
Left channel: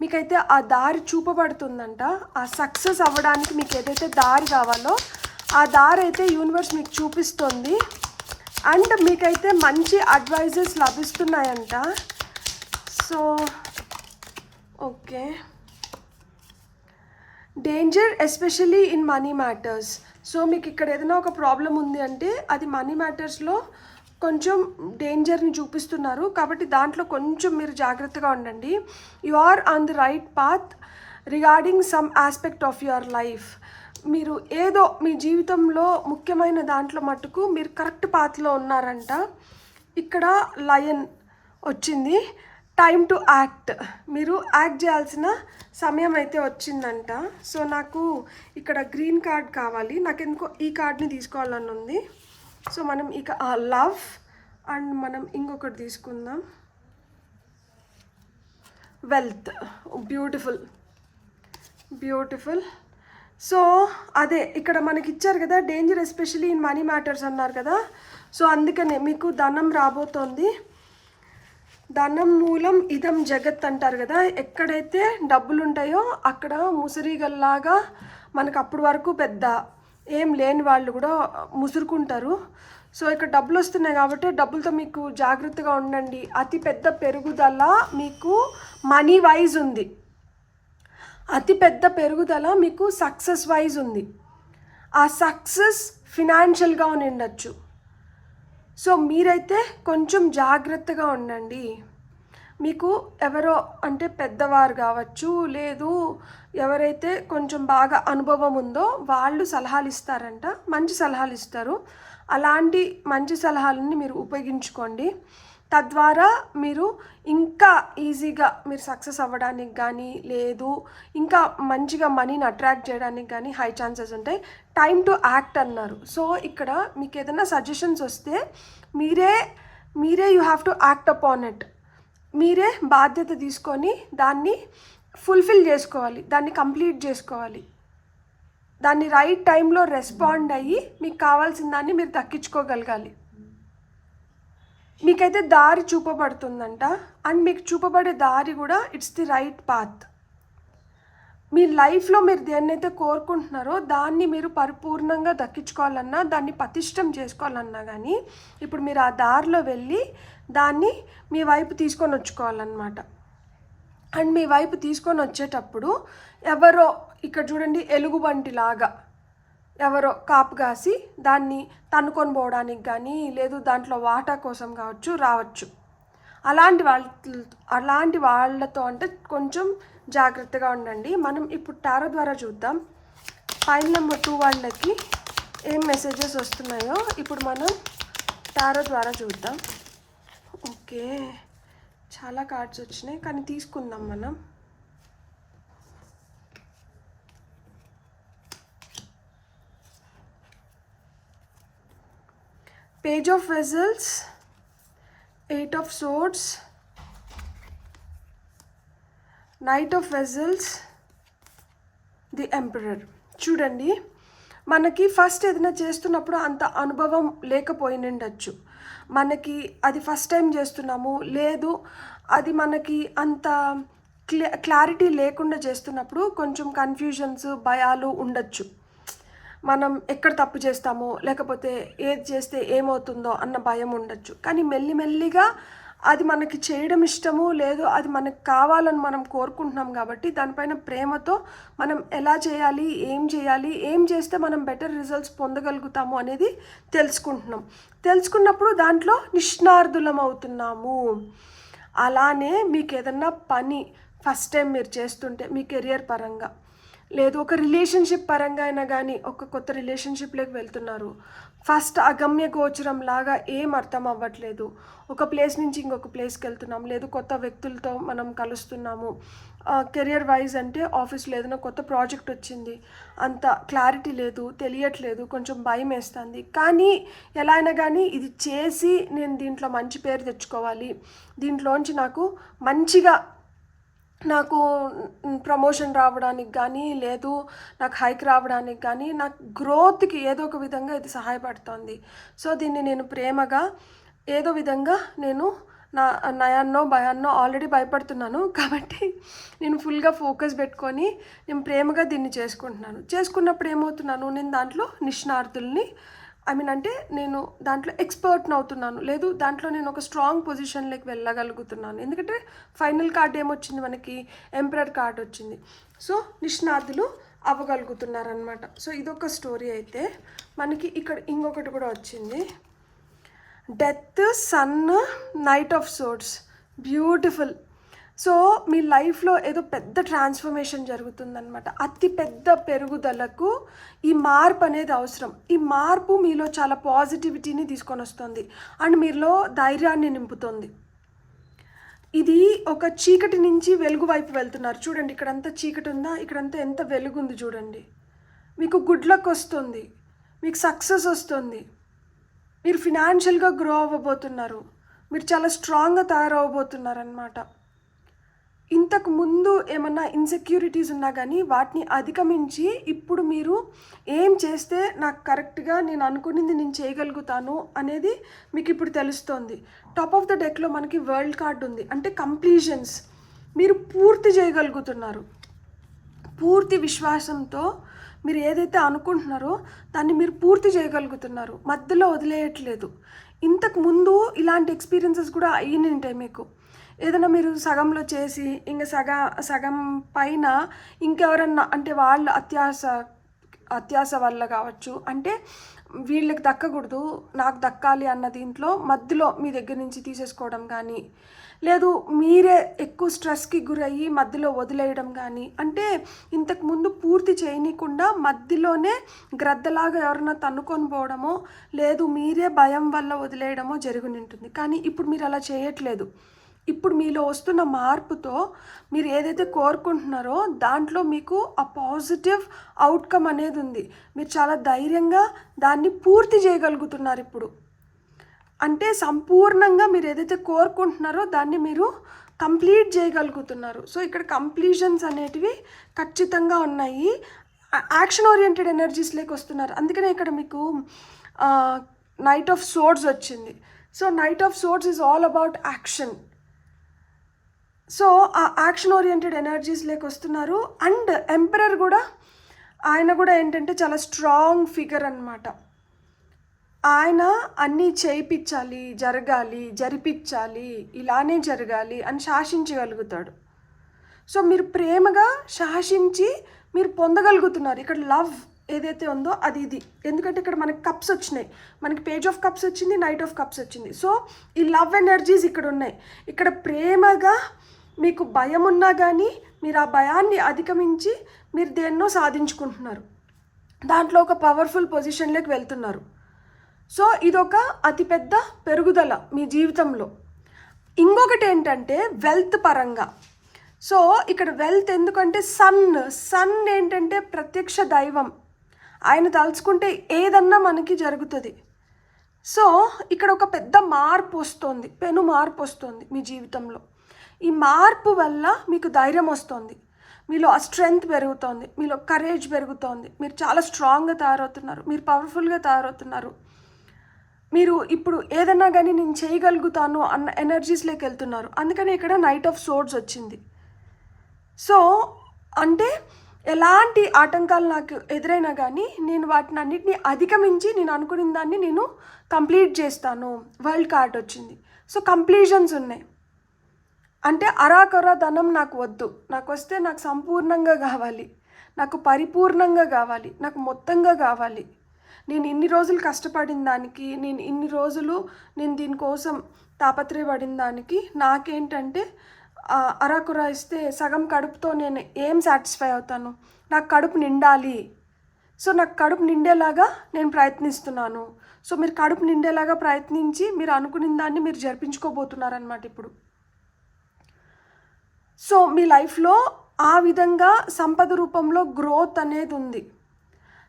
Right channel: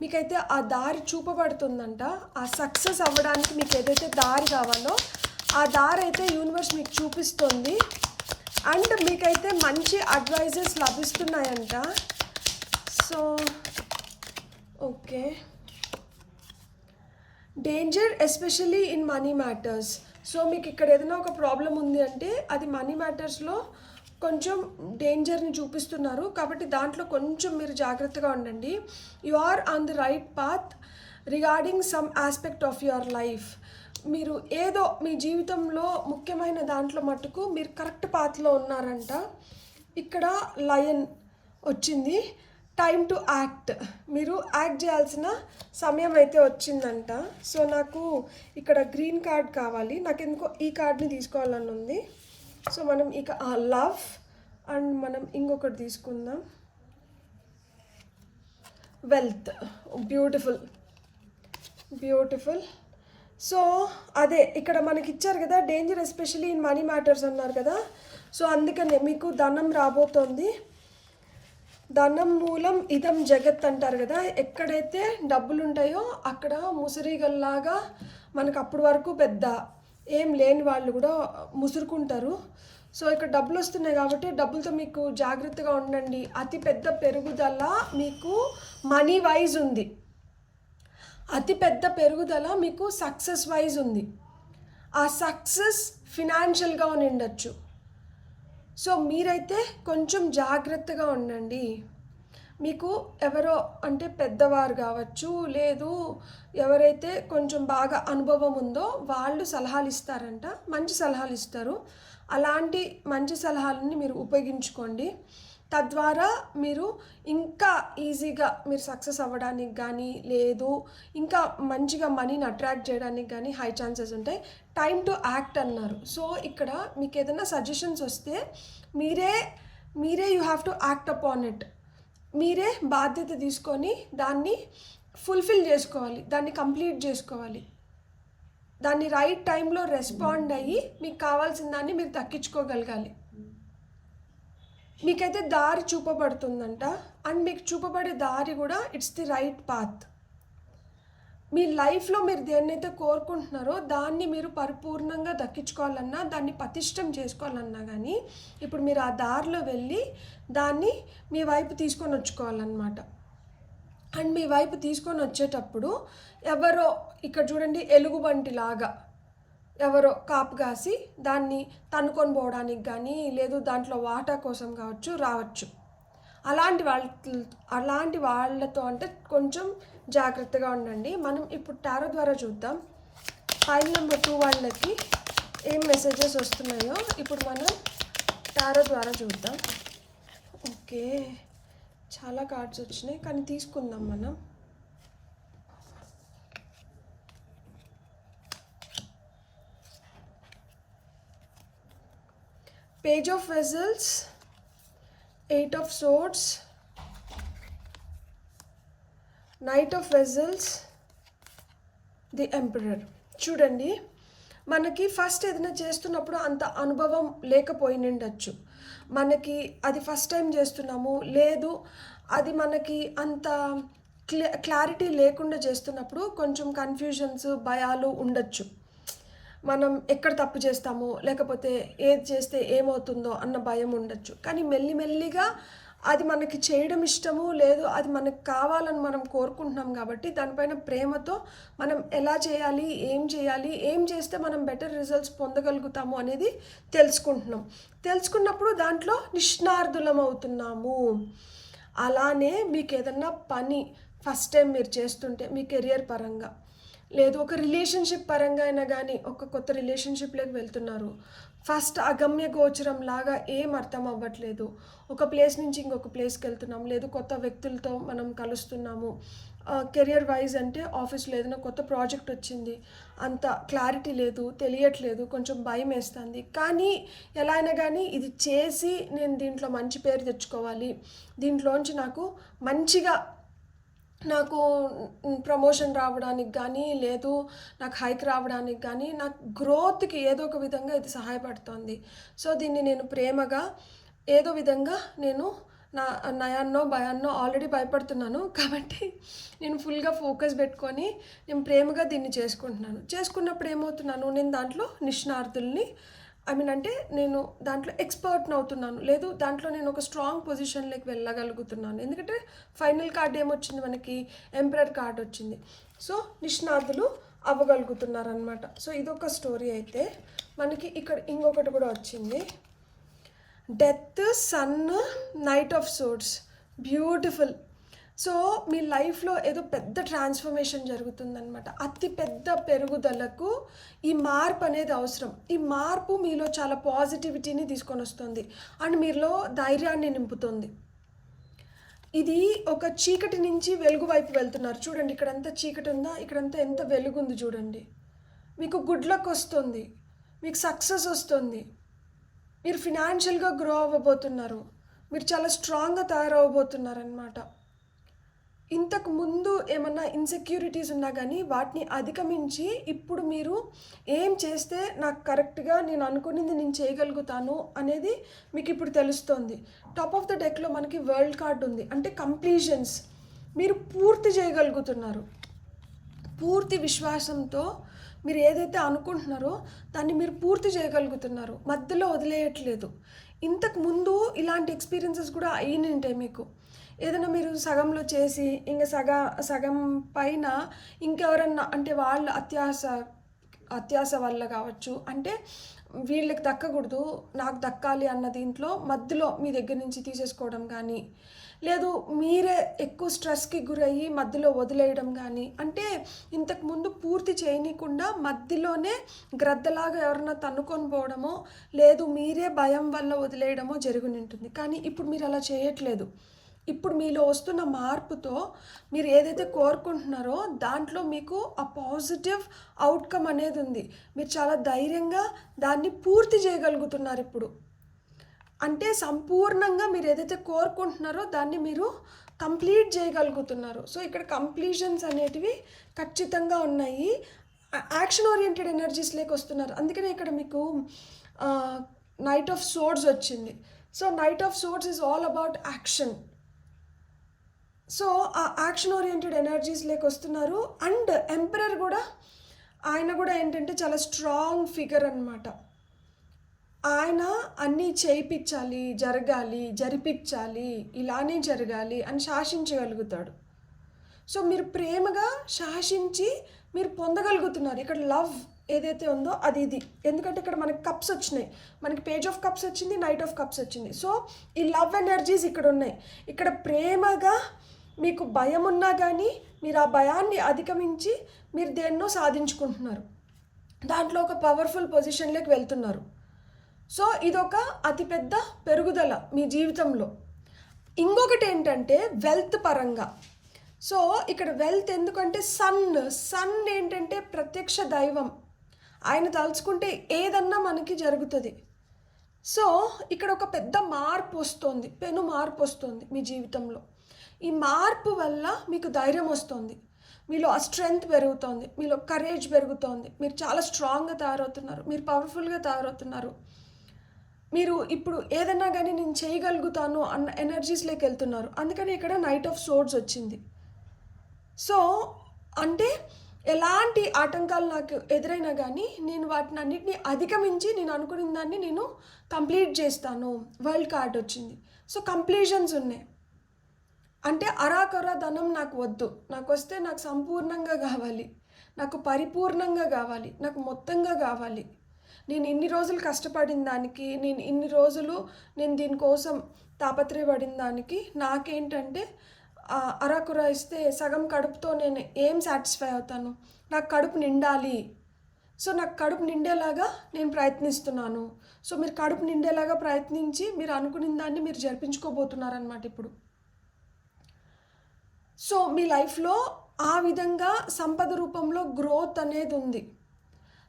మీకైతే ఆ దారి చూపబడుతుందంట. ఆ సక్సెస్ అవ్వడానికి మీకు ఏదైతే దారి కావాలో ఆ దారి అయితే యూనివర్స్ మీకు చూపిస్తుంది. అండ్ మీకైతే మంచి అడ్వైజెస్ లభిస్తున్నాయంట. So okay. Danger especially in money matters. So మీకు ఇక్కడ ఏదైనా ఒక ప్రాబ్లం ఉంది అంటే అది మనీ మ్యాటర్స్లో కొంచెం డేంజర్ని చూపిస్తున్నారు. కాబట్టి దాంట్లో కొంచెం మీరు జాగ్రత్తగా ఉండండి. You are on the right path regarding some aspect of your life. మీరు ఏదో మీ జీవితంలో ముఖ్యమైన దాంట్లో మటుకు మీరు కరెక్ట్ పాత్లో ఉన్నారంట. ఇక్కడ లయన్ వచ్చింది. Time to act. మీరు యాక్ట్ చేయాల్సిన సమయం అయితే వచ్చిందంట. సో నాకు ఇక్కడ గ్రీన్ కార్డ్ కావాలి. నాకు ఎందుకో ఈ కార్డ్ని తీసుకోవాలని ఉంది. సో మనం ఇక లవ్ అండ్ మనం ఇంకొకటి తీసుకుందాం, వెల్త్. Beautiful beautiful. సో అదే ఇక్కడ మనకి ఇచ్చారు కదా, danger especially in money matters అన్నారు కదా. సో అందుకనే మీకు ధనం రాబోతోంది. ధనం మూలం ఇదం జగత్ అంటారు కదా. ఎక్కడైతే డబ్బులు ఉంటాయో అక్కడ ముసిరిగల్లాగా మనకు అప్పటి వరకు పెద్ద ఏం లేని వాళ్ళు కూడా ముసురుకుంటారు. సో ఇక్కడ డబ్బులు వస్తున్నాయి కాబట్టి డబ్బులతో మీకు జాగ్రత్తగా ఉండండి. అతి పెద్ద పెరుగుదల మీకు మనీ వైజ్ ఉంది. అతి పెద్ద పెరుగుదల మీకు సక్సెస్ వైజ్ ఉంది. ఆ సక్సెస్ ఫినాన్షియల్గా ఉండొచ్చు. సో మీరైతే కొంచెం జాగ్రత్తగా ఉండండి. మీకు ఎవరో అంటే పెద్దవారు కావచ్చు, లేదు ఎవరైతే కొంచెం బాగా అనుభవం ఉందో వాళ్ళు సలహాలు ఇస్తారంట. మంచి సలహాలు ఇస్తారు. అలాంటి మంచి సలహాలని మీరు ఉపయోగించుకోండి. తద్వారా మీరు ఇంకా ఈజీగా మీరు సక్సెస్ అవ్వడానికి కానీ, లేదు ఇంకా మంచిగా మనీని అట్రాక్ట్ చేయడానికి కానీ హై ఛాన్సెస్ ఉంటాయి. టైమ్ టు యాక్ట్ అన్నారు. సో ఇక్కడ మీకు ఏదైనా సజెషన్స్ వస్తే మీరే you have to act upon it. మీరే బాధ్యత తీసుకొని దాన్ని ఫుల్ఫిల్ చేసుకోవాలి, దాన్ని కంప్లీట్ చేసుకోవాలి. దాన్ని రైట్ టైంలో రెస్పాండ్ అయ్యి మీకు కావాల్సిన దాన్ని మీరు దక్కించుకోగలగాలి. మీకైతే దారి చూపబడుతుందంట. అండ్ మీకు చూపబడే దారి కూడా ఇట్స్ ది రైట్ పాత్. మీ లైఫ్లో మీరు దేన్నైతే కోరుకుంటున్నారో దాన్ని మీరు పరిపూర్ణంగా దక్కించుకోవాలన్నా, దాన్ని పటిష్టం చేసుకోవాలన్నా కానీ ఇప్పుడు మీరు ఆ దారిలో వెళ్ళి దాన్ని మీ వైపు తీసుకొని వచ్చుకోవాలన్నమాట. అండ్ మీ వైపు తీసుకొని వచ్చేటప్పుడు ఎవరో ఇక్కడ చూడండి ఎలుగుబంటి లాగా ఎవరో కాపు కాసి దాన్ని తన్నుకొని పోవడానికి కానీ, లేదు దాంట్లో వాటా కోసం కావచ్చు రావచ్చు. అలాంటి వాళ్ళతో అంటే కొంచెం జాగ్రత్తగా ఉండండి. మనం ఇప్పుడు టారో ద్వారా చూద్దాం పైన నెంబర్ 2 వాళ్ళకి ఏం మెసేజెస్ వస్తున్నాయో ఇప్పుడు మనం టారో ద్వారా చూద్దాం. ఓకే, చాలా కార్డ్స్ వచ్చినాయి కానీ తీసుకుందాం మనం. Page of vessels, 8 of swords, Knight of Vessels, the emperor. చూడండి, మనకి ఫస్ట్ ఏదైనా చేస్తున్నప్పుడు అంత అనుభవం లేకపోయినండొచ్చు. మనకి అది ఫస్ట్ టైం చేస్తున్నాము, లేదు అది మనకి అంత క్లారిటీ లేకుండా చేస్తున్నప్పుడు కొంచెం కన్ఫ్యూజన్స్, భయాలు ఉండొచ్చు. మనం ఎక్కడ తప్పు చేస్తామో లేకపోతే ఏది చేస్తే ఏమవుతుందో అన్న భయం ఉండొచ్చు. కానీ మెల్లిమెల్లిగా అది మనకి చేయడం ఇష్టము లేదు, అది మనకు కావాలని మనం కోరుకుంటున్నాం కాబట్టి దానిపైన ప్రేమతో మనం ఎలా చేయాలి, ఏం చేస్తే మనం బెటర్ రిజల్ట్స్ పొందగలుగుతాము అనేది తెలుసుకున్నప్పుడు దాంట్లో నిష్ణార్థులం అవుతున్నాము. అలానే మీకు ఏదన్నా పని ఫస్ట్ టైం మీరు చేస్తుంటే మీ కెరియర్ పరంగా లేదు ఒక రిలేషన్షిప్ పరంగా అయినా కానీ ఒక కొత్త రిలేషన్షిప్లోకి వెళ్తున్నారు, ఫస్ట్ అగమ్య గోచరం లాగా ఏం అర్థం అవ్వట్లేదు, ఒక ప్లేస్ నుంచి ఇంకొక ప్లేస్కి వెళ్తున్నాము, లేదు కొత్త వ్యక్తులతో మనం కలుస్తున్నాము, కెరియర్ వైజ్ అంటే ఆఫీస్లో ఏదైనా కొత్త ప్రాజెక్ట్ వచ్చింది, అంత క్లారిటీ లేదు, తెలియట్లేదు, కొంచెం భయం వేస్తుంది. కానీ ఎలా అయినా కానీ ఇది చేసి నేను దీంట్లో మంచి పేరు తెచ్చుకోవాలి, దీంట్లోంచి నాకు ప్రమోషన్ రావడానికి కానీ లేదు నాకు హైక్ రావడానికి కానీ నాకు గ్రోత్కి ఏదో ఒక విధంగా ఇది సహాయపడుతుంది. సో దీన్ని నేను ప్రేమగా ఏదో విధంగా నేను నయాన్నో భయాన్నో ఆల్రెడీ భయపడుతున్నాను కాబట్టి నేను ఫుల్గా ఫోకస్ పెట్టుకొని నేను ప్రేమగా దీన్ని చేసుకున్నప్పుడు ఏమవుతున్నాను, నేను దాంట్లో నిష్ణార్థుల్ని అంటే నేను దాంట్లో ఎక్స్పర్ట్ని అవుతున్నాను, లేదు దాంట్లో నేను ఒక స్ట్రాంగ్ పొజిషన్లోకి వెళ్ళగలుగుతున్నాను. ఎందుకంటే ఫైనల్ కార్డ్ ఏమొచ్చింది, మనకి ఎంపరర్ కార్డ్ వచ్చింది. సో నిష్ణార్థులు అవ్వగలుగుతున్నారనమాట. సో ఇదొక స్టోరీ అయితే మనకి ఇక్కడ ఇంకొకటి కూడా వచ్చింది, death, sun, knight of swords. Beautiful. So మీ లైఫ్లో ఏదో పెద్ద ట్రాన్స్ఫర్మేషన్ జరుగుతుందనమాట. అతి పెద్ద పెరుగుదలకు ఈ మార్పు అనేది అవసరం. ఈ మార్పు మీలో చాలా పాజిటివిటీని తీసుకొని వస్తుంది అండ్ మీలో ధైర్యాన్ని నింపుతుంది. ఇది ఒక చీకటి నుంచి వెలుగు వైపు వెళ్తున్నారు. చూడండి, ఇక్కడంతా చీకటి ఉందా, ఇక్కడంతా ఎంత వెలుగుంది చూడండి. మీకు గుడ్ లక్ వస్తుంది, మీకు సక్సెస్ వస్తుంది, మీరు ఫినాన్షియల్గా గ్రో అవ్వబోతున్నారు, మీరు చాలా స్ట్రాంగ్గా తయారవబోతున్నారు అన్నమాట. ఇంతకు ముందు ఏమన్నా ఇన్సెక్యూరిటీస్ ఉన్నా కానీ వాటిని అధిగమించి ఇప్పుడు మీరు ఏం చేస్తే నాకు కరెక్ట్గా నేను అనుకున్నది నేను చేయగలుగుతాను అనేది మీకు ఇప్పుడు తెలుస్తోంది. టాప్ ఆఫ్ ద డెక్లో మనకి వరల్డ్ కార్డ్ ఉంది, అంటే కంప్లీషన్స్. మీరు పూర్తి చేయగలుగుతున్నారు. పూర్తి విశ్వాసంతో మీరు ఏదైతే అనుకుంటున్నారో దాన్ని మీరు పూర్తి చేయగలుగుతున్నారు, మధ్యలో వదిలేయట్లేదు. ఇంతకు ముందు ఇలాంటి ఎక్స్పీరియన్సెస్ కూడా అయినంటాయి మీకు. ఏదైనా మీరు సగంలో చేసి ఇంకా సగం పైన ఇంకెవరన్నా అంటే వాళ్ళ అత్యాస వల్ల కావచ్చు, అంటే వీళ్ళకి దక్కకూడదు నాకు దక్కాలి అన్న దీంట్లో మధ్యలో మీ దగ్గర నుంచి తీసేసుకోవడం కానీ, లేదు మీరే ఎక్కువ స్ట్రెస్కి గురయ్యి మధ్యలో వదిలేయడం కానీ, అంటే ఇంతకుముందు పూర్తి చేయనీయకుండా మధ్యలోనే గ్రద్దలాగా ఎవరన్నా తన్నుకొని పోవడమో లేదు మీరే భయం వల్ల వదిలేయడమో జరిగి ఉంటుంది. కానీ ఇప్పుడు మీరు అలా చేయట్లేదు. ఇప్పుడు మీలో వస్తున్న మార్పుతో మీరు ఏదైతే కోరుకుంటున్నారో దాంట్లో మీకు ఆ పాజిటివ్ అవుట్కమ్ అనేది ఉంది. మీరు చాలా ధైర్యంగా దాన్ని పూర్తి చేయగలుగుతున్నారు ఇప్పుడు. అంటే సంపూర్ణంగా మీరు ఏదైతే కోరుకుంటున్నారో దాన్ని మీరు కంప్లీట్ చేయగలుగుతున్నారు. సో ఇక్కడ కంప్లీషన్స్ అనేటివి ఖచ్చితంగా ఉన్నాయి. యాక్షన్ ఓరియంటెడ్ ఎనర్జీస్లోకి వస్తున్నారు. అందుకనే ఇక్కడ మీకు నైట్ ఆఫ్ సోర్డ్స్ వచ్చింది. So night of swords is all about action. So ఆ యాక్షన్ ఓరియంటెడ్ ఎనర్జీస్లోకి వస్తున్నారు. అండ్ ఎంపరర్ కూడా ఆయన కూడా ఏంటంటే చాలా స్ట్రాంగ్ ఫిగర్ అన్నమాట. ఆయన అన్నీ చేయించాలి, జరిపించాలి, ఇలానే జరగాలి అని శాసించగలుగుతాడు. సో మీరు ప్రేమగా శాసించి మీరు పొందగలుగుతున్నారు. ఇక్కడ లవ్ ఏదైతే ఉందో అది ఇది. ఎందుకంటే ఇక్కడ మనకి కప్స్ వచ్చినాయి, మనకి పేజ్ ఆఫ్ కప్స్ వచ్చింది, నైట్ ఆఫ్ కప్స్ వచ్చింది. సో ఈ లవ్ ఎనర్జీస్ ఇక్కడ ఉన్నాయి. ఇక్కడ ప్రేమగా మీకు భయం ఉన్నా కానీ మీరు ఆ భయాన్ని అధిగమించి మీరు దేన్నో సాధించుకుంటున్నారు, దాంట్లో ఒక పవర్ఫుల్ పొజిషన్లోకి వెళ్తున్నారు. సో ఇదొక అతిపెద్ద పెరుగుదల మీ జీవితంలో. ఇంకొకటి ఏంటంటే వెల్త్ పరంగా. సో ఇక్కడ వెల్త్ ఎందుకంటే సన్ ఏంటంటే ప్రత్యక్ష దైవం, ఆయన తలుచుకుంటే ఏదన్నా మనకి జరుగుతుంది. సో ఇక్కడ ఒక పెద్ద మార్పు వస్తుంది, పెను మార్పు వస్తుంది మీ జీవితంలో. ఈ మార్పు వల్ల మీకు ధైర్యం వస్తుంది, మీలో ఆ స్ట్రెంగ్త్ పెరుగుతోంది, మీలో కరేజ్ పెరుగుతోంది, మీరు చాలా స్ట్రాంగ్గా తయారవుతున్నారు, మీరు పవర్ఫుల్గా తయారవుతున్నారు. మీరు ఇప్పుడు ఏదన్నా కానీ నేను చేయగలుగుతాను అన్న ఎనర్జీస్లోకి వెళ్తున్నారు. అందుకని ఇక్కడ నైట్ ఆఫ్ సోర్డ్స్ వచ్చింది. సో అంటే ఎలాంటి ఆటంకాలు నాకు ఎదురైనా కానీ నేను వాటిని అన్నిటిని అధిగమించి నేను అనుకున్న దాన్ని నేను కంప్లీట్ చేస్తాను. వరల్డ్ కార్డ్ వచ్చింది. సో కంప్లీషన్స్ ఉన్నాయి. అంటే అరాకొర ధనం నాకు వద్దు, నాకు వస్తే నాకు సంపూర్ణంగా కావాలి, నాకు పరిపూర్ణంగా కావాలి, నాకు మొత్తంగా కావాలి. నేను ఇన్ని రోజులు కష్టపడిన దానికి, నేను ఇన్ని రోజులు నేను దీనికోసం తాపత్రయపడిన దానికి నాకేంటంటే అరాకురా ఇస్తే సగం కడుపుతో నేను ఏం సాటిస్ఫై అవుతాను? నాకు కడుపు నిండాలి. సో నాకు కడుపు నిండేలాగా నేను ప్రయత్నిస్తున్నాను. సో మీరు కడుపు నిండేలాగా ప్రయత్నించి మీరు అనుకున్న దాన్ని మీరు జరిపించుకోబోతున్నారనమాట ఇప్పుడు. సో మీ లైఫ్లో ఆ విధంగా సంపద రూపంలో గ్రోత్ అనేది ఉంది.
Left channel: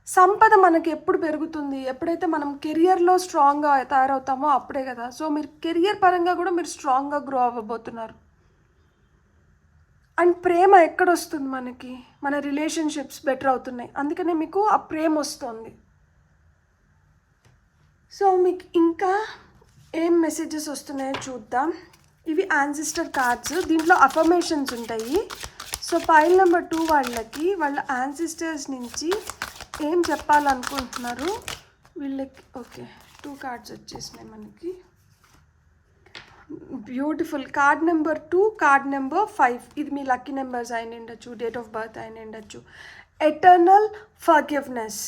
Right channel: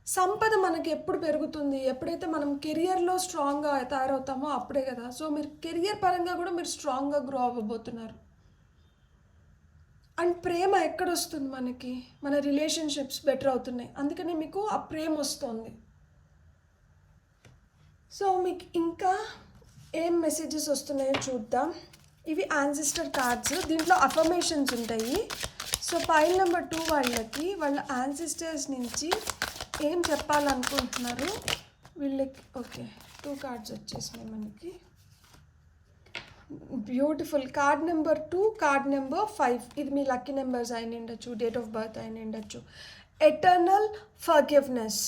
సంపద మనకి ఎప్పుడు పెరుగుతుంది? ఎప్పుడైతే మనం కెరియర్లో స్ట్రాంగ్గా తయారవుతామో అప్పుడే కదా. సో మీరు కెరియర్ పరంగా కూడా మీరు స్ట్రాంగ్గా గ్రో అవ్వబోతున్నారు. అండ్ ప్రేమ ఎక్కడొస్తుంది మనకి? మన రిలేషన్షిప్స్ బెటర్ అవుతున్నాయి, అందుకనే మీకు ఆ ప్రేమ వస్తుంది. సో మీకు ఇంకా ఏం మెసేజెస్ వస్తున్నాయో చూద్దాం. ఇవి యాన్సిస్టర్ కార్డ్స్, దీంట్లో అఫర్మేషన్స్ ఉంటాయి. సో పైల్ నెంబర్ 2 వాళ్ళకి వాళ్ళ యాన్సిస్టర్స్ నుంచి ఏం చెప్పాలనుకుంటున్నారు వీళ్ళకి. ఓకే, 2 కార్డ్స్ వచ్చేసినాయి మనకి. Beautiful. Card number 2, card number 5. ఇది మీ లక్కీ నెంబర్స్ అయిన ఉండొచ్చు, డేట్ ఆఫ్ బర్త్ అయిన ఉండొచ్చు. Eternal forgiveness.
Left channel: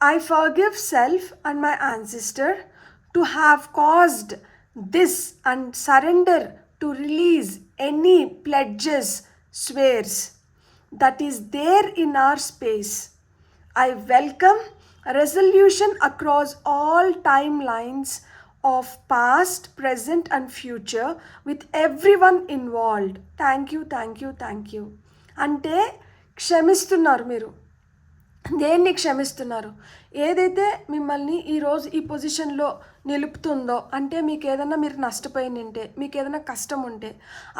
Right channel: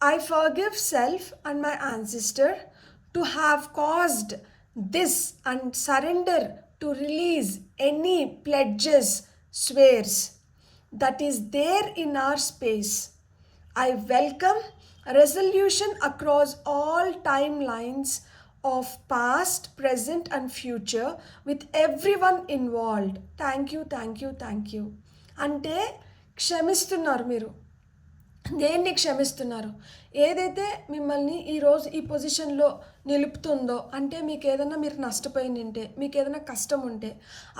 I forgive self and my ancestor to have caused this and surrender to release any pledges, swears that is there in our space. I welcome resolution across all timelines of past, present and future with everyone involved. Thank you, thank you, thank you. అంటే క్షమిస్తున్నారు మీరు. దేన్ని క్షమిస్తున్నారు? ఏదైతే మిమ్మల్ని ఈరోజు ఈ పొజిషన్లో నిలుపుతుందో, అంటే మీకు ఏదైనా మీరు నష్టపోయి ఉంటే, మీకు ఏదైనా కష్టం ఉంటే,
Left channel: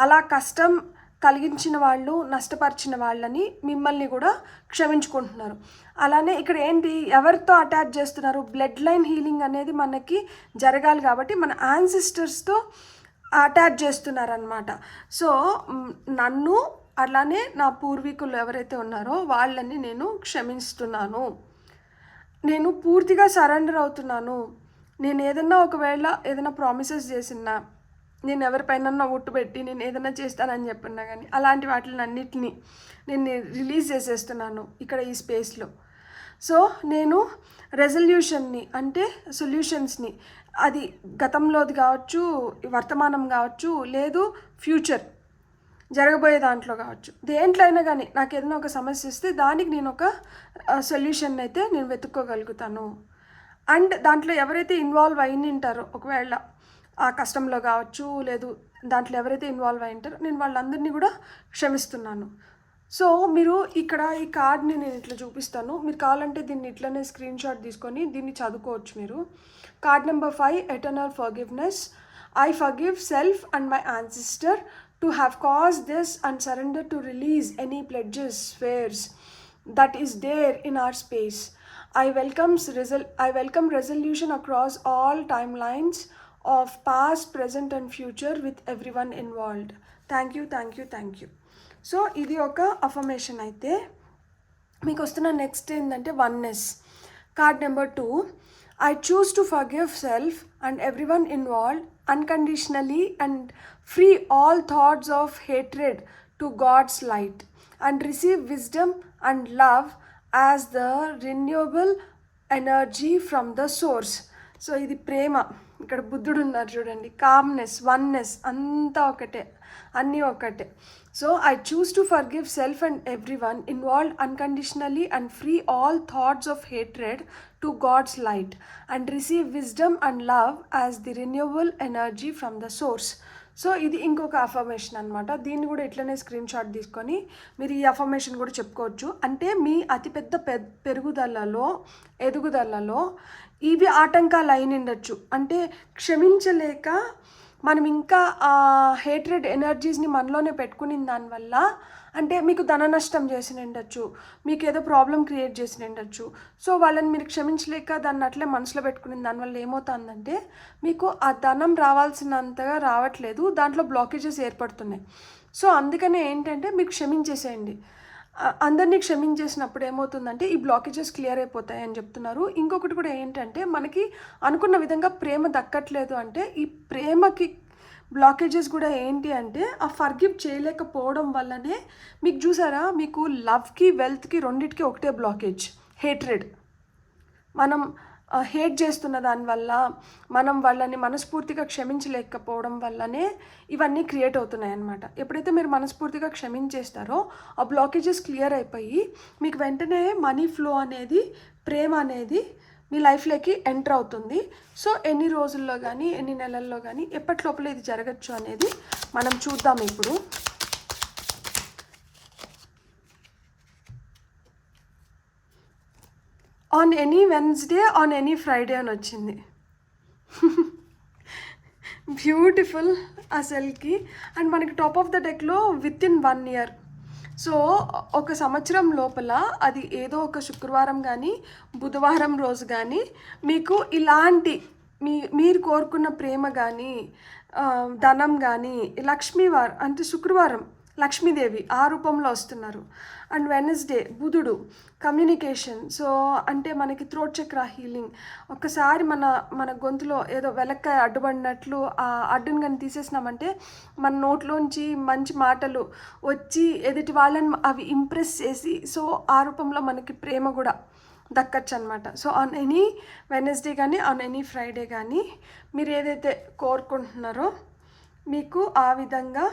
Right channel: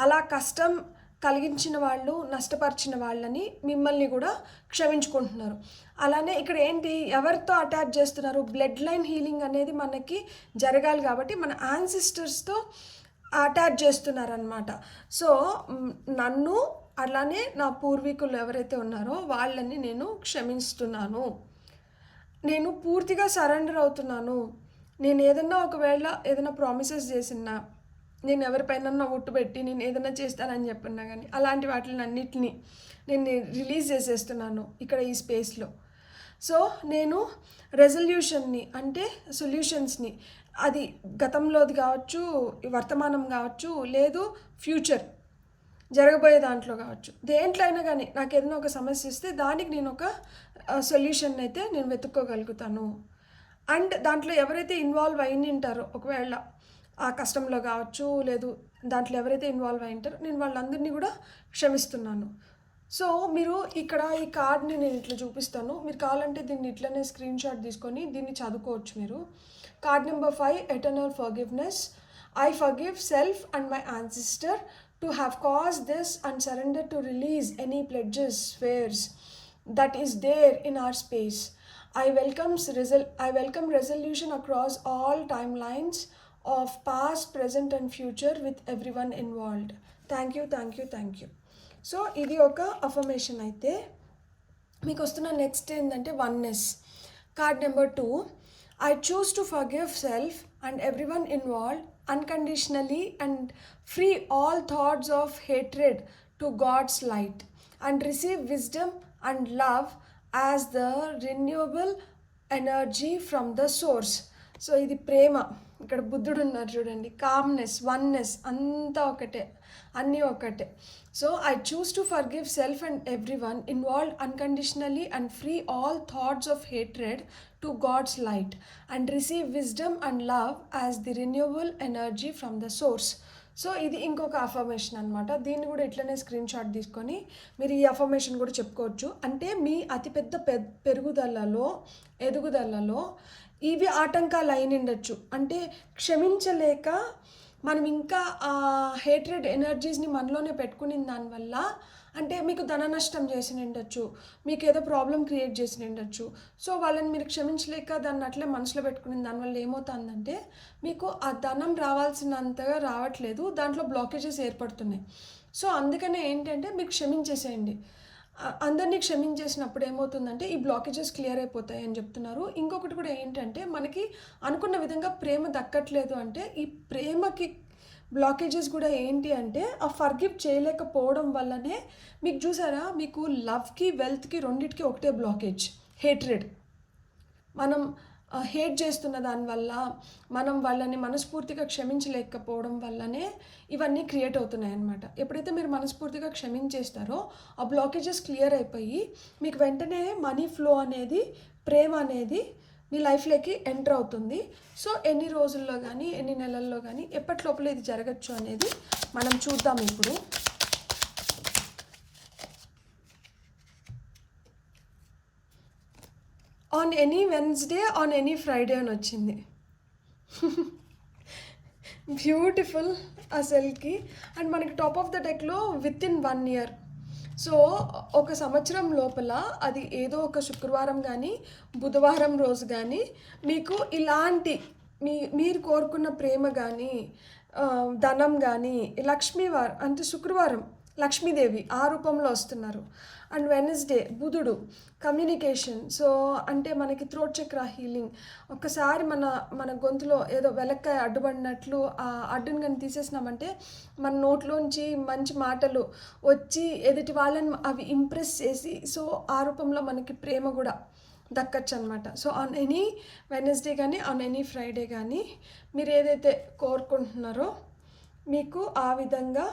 అలా కష్టం కలిగించిన వాళ్ళు, నష్టపరిచిన వాళ్ళని మిమ్మల్ని కూడా క్షమించుకుంటున్నారు. అలానే ఇక్కడ ఏంటి, ఎవరితో అటాచ్ చేస్తున్నారు? బ్లడ్ లైన్ హీలింగ్ అనేది మనకి జరగాలి కాబట్టి మన యాన్సిస్టర్స్తో అటాచ్ చేస్తున్నారనమాట. సో నన్ను అలానే నా పూర్వీకులు ఎవరైతే ఉన్నారో వాళ్ళని నేను క్షమిస్తున్నాను, నేను పూర్తిగా సరెండర్ అవుతున్నాను. నేను ఏదన్నా ఒకవేళ ఏదైనా ప్రామిసెస్ చేసినా, నేను ఎవరిపైన ఒట్టు పెట్టి నేను ఏదైనా చేస్తానని చెప్పినా కానీ అలాంటి వాటిని అన్నిటినీ నేను రిలీజ్ చేసేస్తున్నాను ఇక్కడ ఈ స్పేస్లో. సో నేను రెజల్యూషన్ని అంటే సొల్యూషన్స్ని, అది గతంలోది కావచ్చు, వర్తమానం కావచ్చు, లేదు ఫ్యూచర్ జరగబోయే దాంట్లో కావచ్చు, దేంట్లో అయినా కానీ నాకు ఏదైనా ఒక సమస్య ఇస్తే దానికి నేను ఒక సొల్యూషన్ అయితే నేను వెతుక్కోగలుగుతాను. అండ్ దాంట్లో ఎవరైతే ఇన్వాల్వ్ అయి ఉంటారో, ఒకవేళ ఆ కష్టంలో కావచ్చు, లేదు దాంట్లో ఎవరైతే ఇన్వాల్వ్ అయి ఉంటారో నేను వాళ్ళందరినీ కూడా క్షమిస్తున్నాను. సో మీరు ఇక్కడ ఈ కార్డ్ని నేను ఇట్లా చూపిస్తాను, మీరు కావాలంటే దీన్ని ఇట్లనే స్క్రీన్ షాట్ తీసుకొని దీన్ని చదువుకోవచ్చు మీరు. Card number 5, eternal forgiveness. I forgive self and my ancestor to have caused this and surrender to release any pledges, swears that is there in our space. I welcome resolution across all timelines of past, present and future with everyone involved. Thank you, thank you, thank you. So ఇది ఒక affirmation. అయితే మీకు వస్తున్న next ఏంటంటే oneness. Card number 2, I choose to forgive self and everyone involved unconditionally and free all thoughts of hatred to God's light and receive wisdom and love as the renewable energy from the source. So ఇది ప్రేమ. ఇక్కడ బుద్ధుడు ఉన్నారు చూడండి. Calmness, oneness, అంతా ఒకటే, అన్నీ ఒకటే. So I choose to forgive self and everyone involved unconditionally and free all thoughts of hatred to God's light and receive wisdom and love as the renewable energy from the source. So ఇది ఇంకొక affirmation అనమాట. దీన్ని కూడా ఇట్లనే screen shot తీసుకొని మీరు ఈ affirmation కూడా చెప్పుకోవచ్చు. అంటే మీ అతిపెద్ద ఎదుగుదలలో ఇవి ఆటంకాలు అయినిండొచ్చు. అంటే క్షమించలేక మనం ఇంకా హేట్రెడ్ ఎనర్జీస్ని మనలోనే పెట్టుకుని దానివల్ల అంటే మీకు ధన నష్టం చేసి ఉండొచ్చు, మీకు ఏదో ప్రాబ్లం క్రియేట్ చేసి ఉండొచ్చు. సో వాళ్ళని మీరు క్షమించలేక దాన్ని అట్లే మనసులో పెట్టుకుని దానివల్ల ఏమవుతుందంటే మీకు ఆ ధనం రావాల్సినంతగా రావట్లేదు, దాంట్లో బ్లాకేజెస్ ఏర్పడుతున్నాయి. సో అందుకనే ఏంటంటే మీరు క్షమించేసేయండి. అందరినీ క్షమించేసినప్పుడు ఏమవుతుందంటే ఈ బ్లాకేజెస్ క్లియర్ అయిపోతాయి అని చెప్తున్నారు. ఇంకొకటి కూడా ఏంటంటే మనకి అనుకున్న విధంగా ప్రేమ దక్కట్లేదు అంటే ఈ ప్రేమకి బ్లాకేజెస్ కూడా ఏంటి అంటే ఆ ఫర్గివ్ చేయలేకపోవడం వల్లనే మీకు చూసారా, మీకు లవ్కి వెల్త్కి రెండింటికి ఒకటే బ్లాకేజ్, హేట్రెడ్. మనం హేట్ చేస్తున్న దానివల్ల మనం వాళ్ళని మనస్ఫూర్తిగా క్షమించలేకపోవడం వల్లనే ఇవన్నీ క్రియేట్ అవుతున్నాయి అన్నమాట. ఎప్పుడైతే మీరు మనస్ఫూర్తిగా క్షమించేస్తారో ఆ బ్లాకేజెస్ క్లియర్ అయిపోయి మీకు వెంటనే మనీ ఫ్లో అనేది, ప్రేమ అనేది మీ లైఫ్లోకి ఎంటర్ అవుతుంది. సో ఎన్ని రోజుల్లో కానీ ఎన్ని నెలల్లో కానీ ఎప్పటి లోపల ఇది జరగచ్చు అనేది మనం చూద్దాం ఇప్పుడు. On any Wednesday, on any Friday అని వచ్చింది. బ్యూటిఫుల్ అసలుకి. అండ్ మనకి టాప్ ఆఫ్ ద డెక్లో విత్ ఇన్ 1 year. సో ఒక సంవత్సరం లోపల అది ఏదో ఒక శుక్రవారం కానీ బుధవారం రోజు కానీ మీకు ఇలాంటి మీరు కోరుకున్న ప్రేమ కానీ ధనం కానీ లక్ష్మీవారం అంటే శుక్రవారం లక్ష్మీదేవి ఆ రూపంలో వస్తున్నారు. అండ్ వెనస్డే బుధుడు కమ్యూనికేషన్. సో అంటే మనకి థ్రోట్ చక్ర హీలింగ్. ఒకసారి మన గొంతులో ఏదో వెలక్కాయ అడ్డుపడినట్లు ఆ అడ్డుని కానీ తీసేసినామంటే మన నోట్లోంచి మంచి మాటలు వచ్చి ఎదుటి వాళ్ళని అవి ఇంప్రెస్ చేసి సో ఆ రూపంలో మనకి ప్రేమ కూడా దక్కచ్చు అనమాట. సో ఆన్ ఎనీ వెనస్డే కానీ ఆన్ ఎనీ ఫ్రైడే కానీ మీరు ఏదైతే కోరుకుంటున్నారో మీకు ఆ విధంగా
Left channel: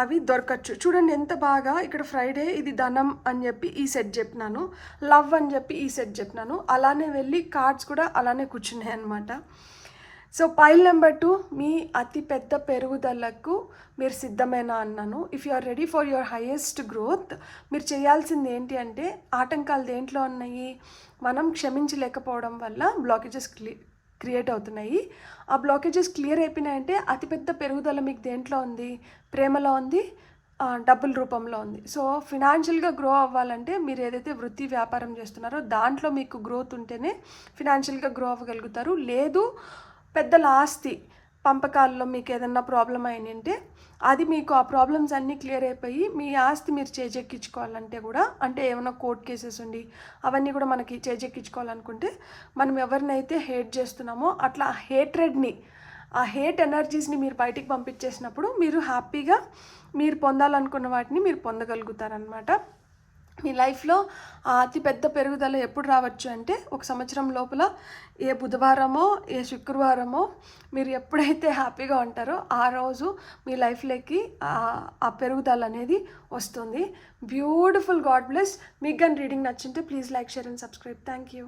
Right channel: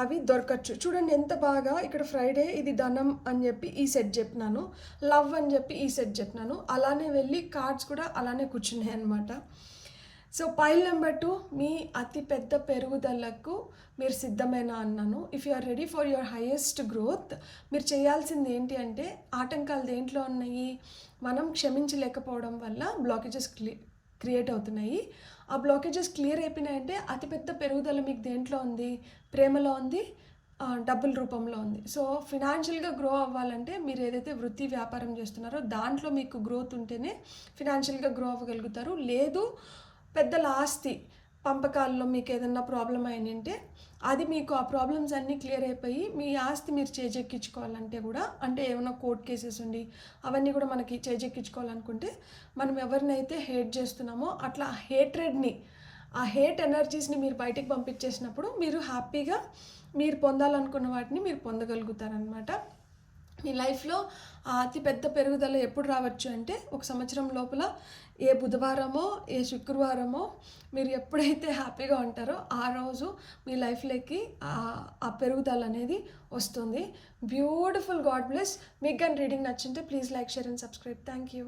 అవి దొరకచ్చు. చూడండి ఎంత బాగా ఇక్కడ ఫ్రైడే ఇది ధనం అని చెప్పి ఈ సెట్ చెప్పినాను, లవ్ అని చెప్పి ఈ సెట్ చెప్పినాను, అలానే వెళ్ళి కార్డ్స్ కూడా అలానే కూర్చున్నాయి అనమాట. సో పైల్ నెంబర్ 2 మీ అతి పెద్ద పెరుగుదలకు మీరు సిద్ధమేనా అన్నాను. If you are ready for your highest growth మీరు చేయాల్సింది ఏంటి అంటే ఆటంకాలు దేంట్లో ఉన్నాయి, మనం క్షమించలేకపోవడం వల్ల బ్లాకేజెస్ క్రియేట్ అవుతున్నాయి. ఆ బ్లాకేజెస్ క్లియర్ అయిపోయినాయంటే అతిపెద్ద పెరుగుదల మీకు దేంట్లో ఉంది, ప్రేమలో ఉంది, డబ్బుల రూపంలో ఉంది. సో ఫినాన్షియల్గా గ్రో అవ్వాలంటే మీరు ఏదైతే వృత్తి వ్యాపారం చేస్తున్నారో దాంట్లో మీకు గ్రోత్ ఉంటేనే ఫినాన్షియల్గా గ్రో అవ్వగలుగుతారు. లేదు పెద్దల ఆస్తి పంపకాల్లో మీకు ఏదన్నా ప్రాబ్లం అయినంటే అది మీకు ఆ ప్రాబ్లమ్స్ అన్నీ క్లియర్ అయిపోయి మీ ఆస్తి మీరు చేజెక్కించుకోవాలంటే కూడా అంటే ఏమైనా కోర్ట్ కేసెస్ ఉండి అవన్నీ కూడా మనకి చేజెక్కించుకోవాలనుకుంటే మనం ఎవరినైతే హేట్ చేస్తున్నామో అట్లా హేట్రెడ్ని ఆ హేట్ ఎనర్జీస్ని మీరు బయటికి పంపించేసినప్పుడు మీరు హ్యాపీగా మీరు పొందాలనుకున్న వాటిని మీరు పొందగలుగుతారనమాట. మీ లైఫ్లో అతి పెద్ద పెరుగుదల ఎప్పుడు రావచ్చు అంటే ఒక సంవత్సరం లోపల ఏ బుధవారమో ఏ శుక్రవారమో మీరు ఎప్పుడైతే హ్యాపీగా ఉంటారో ఆ రోజు మీ లైఫ్లోకి ఆ పెరుగుదల అనేది వస్తుంది. బ్యూటిఫుల్. God bless. మీకు కానీ రీడింగ్ నచ్చింటే please like, share and subscribe. Thank you.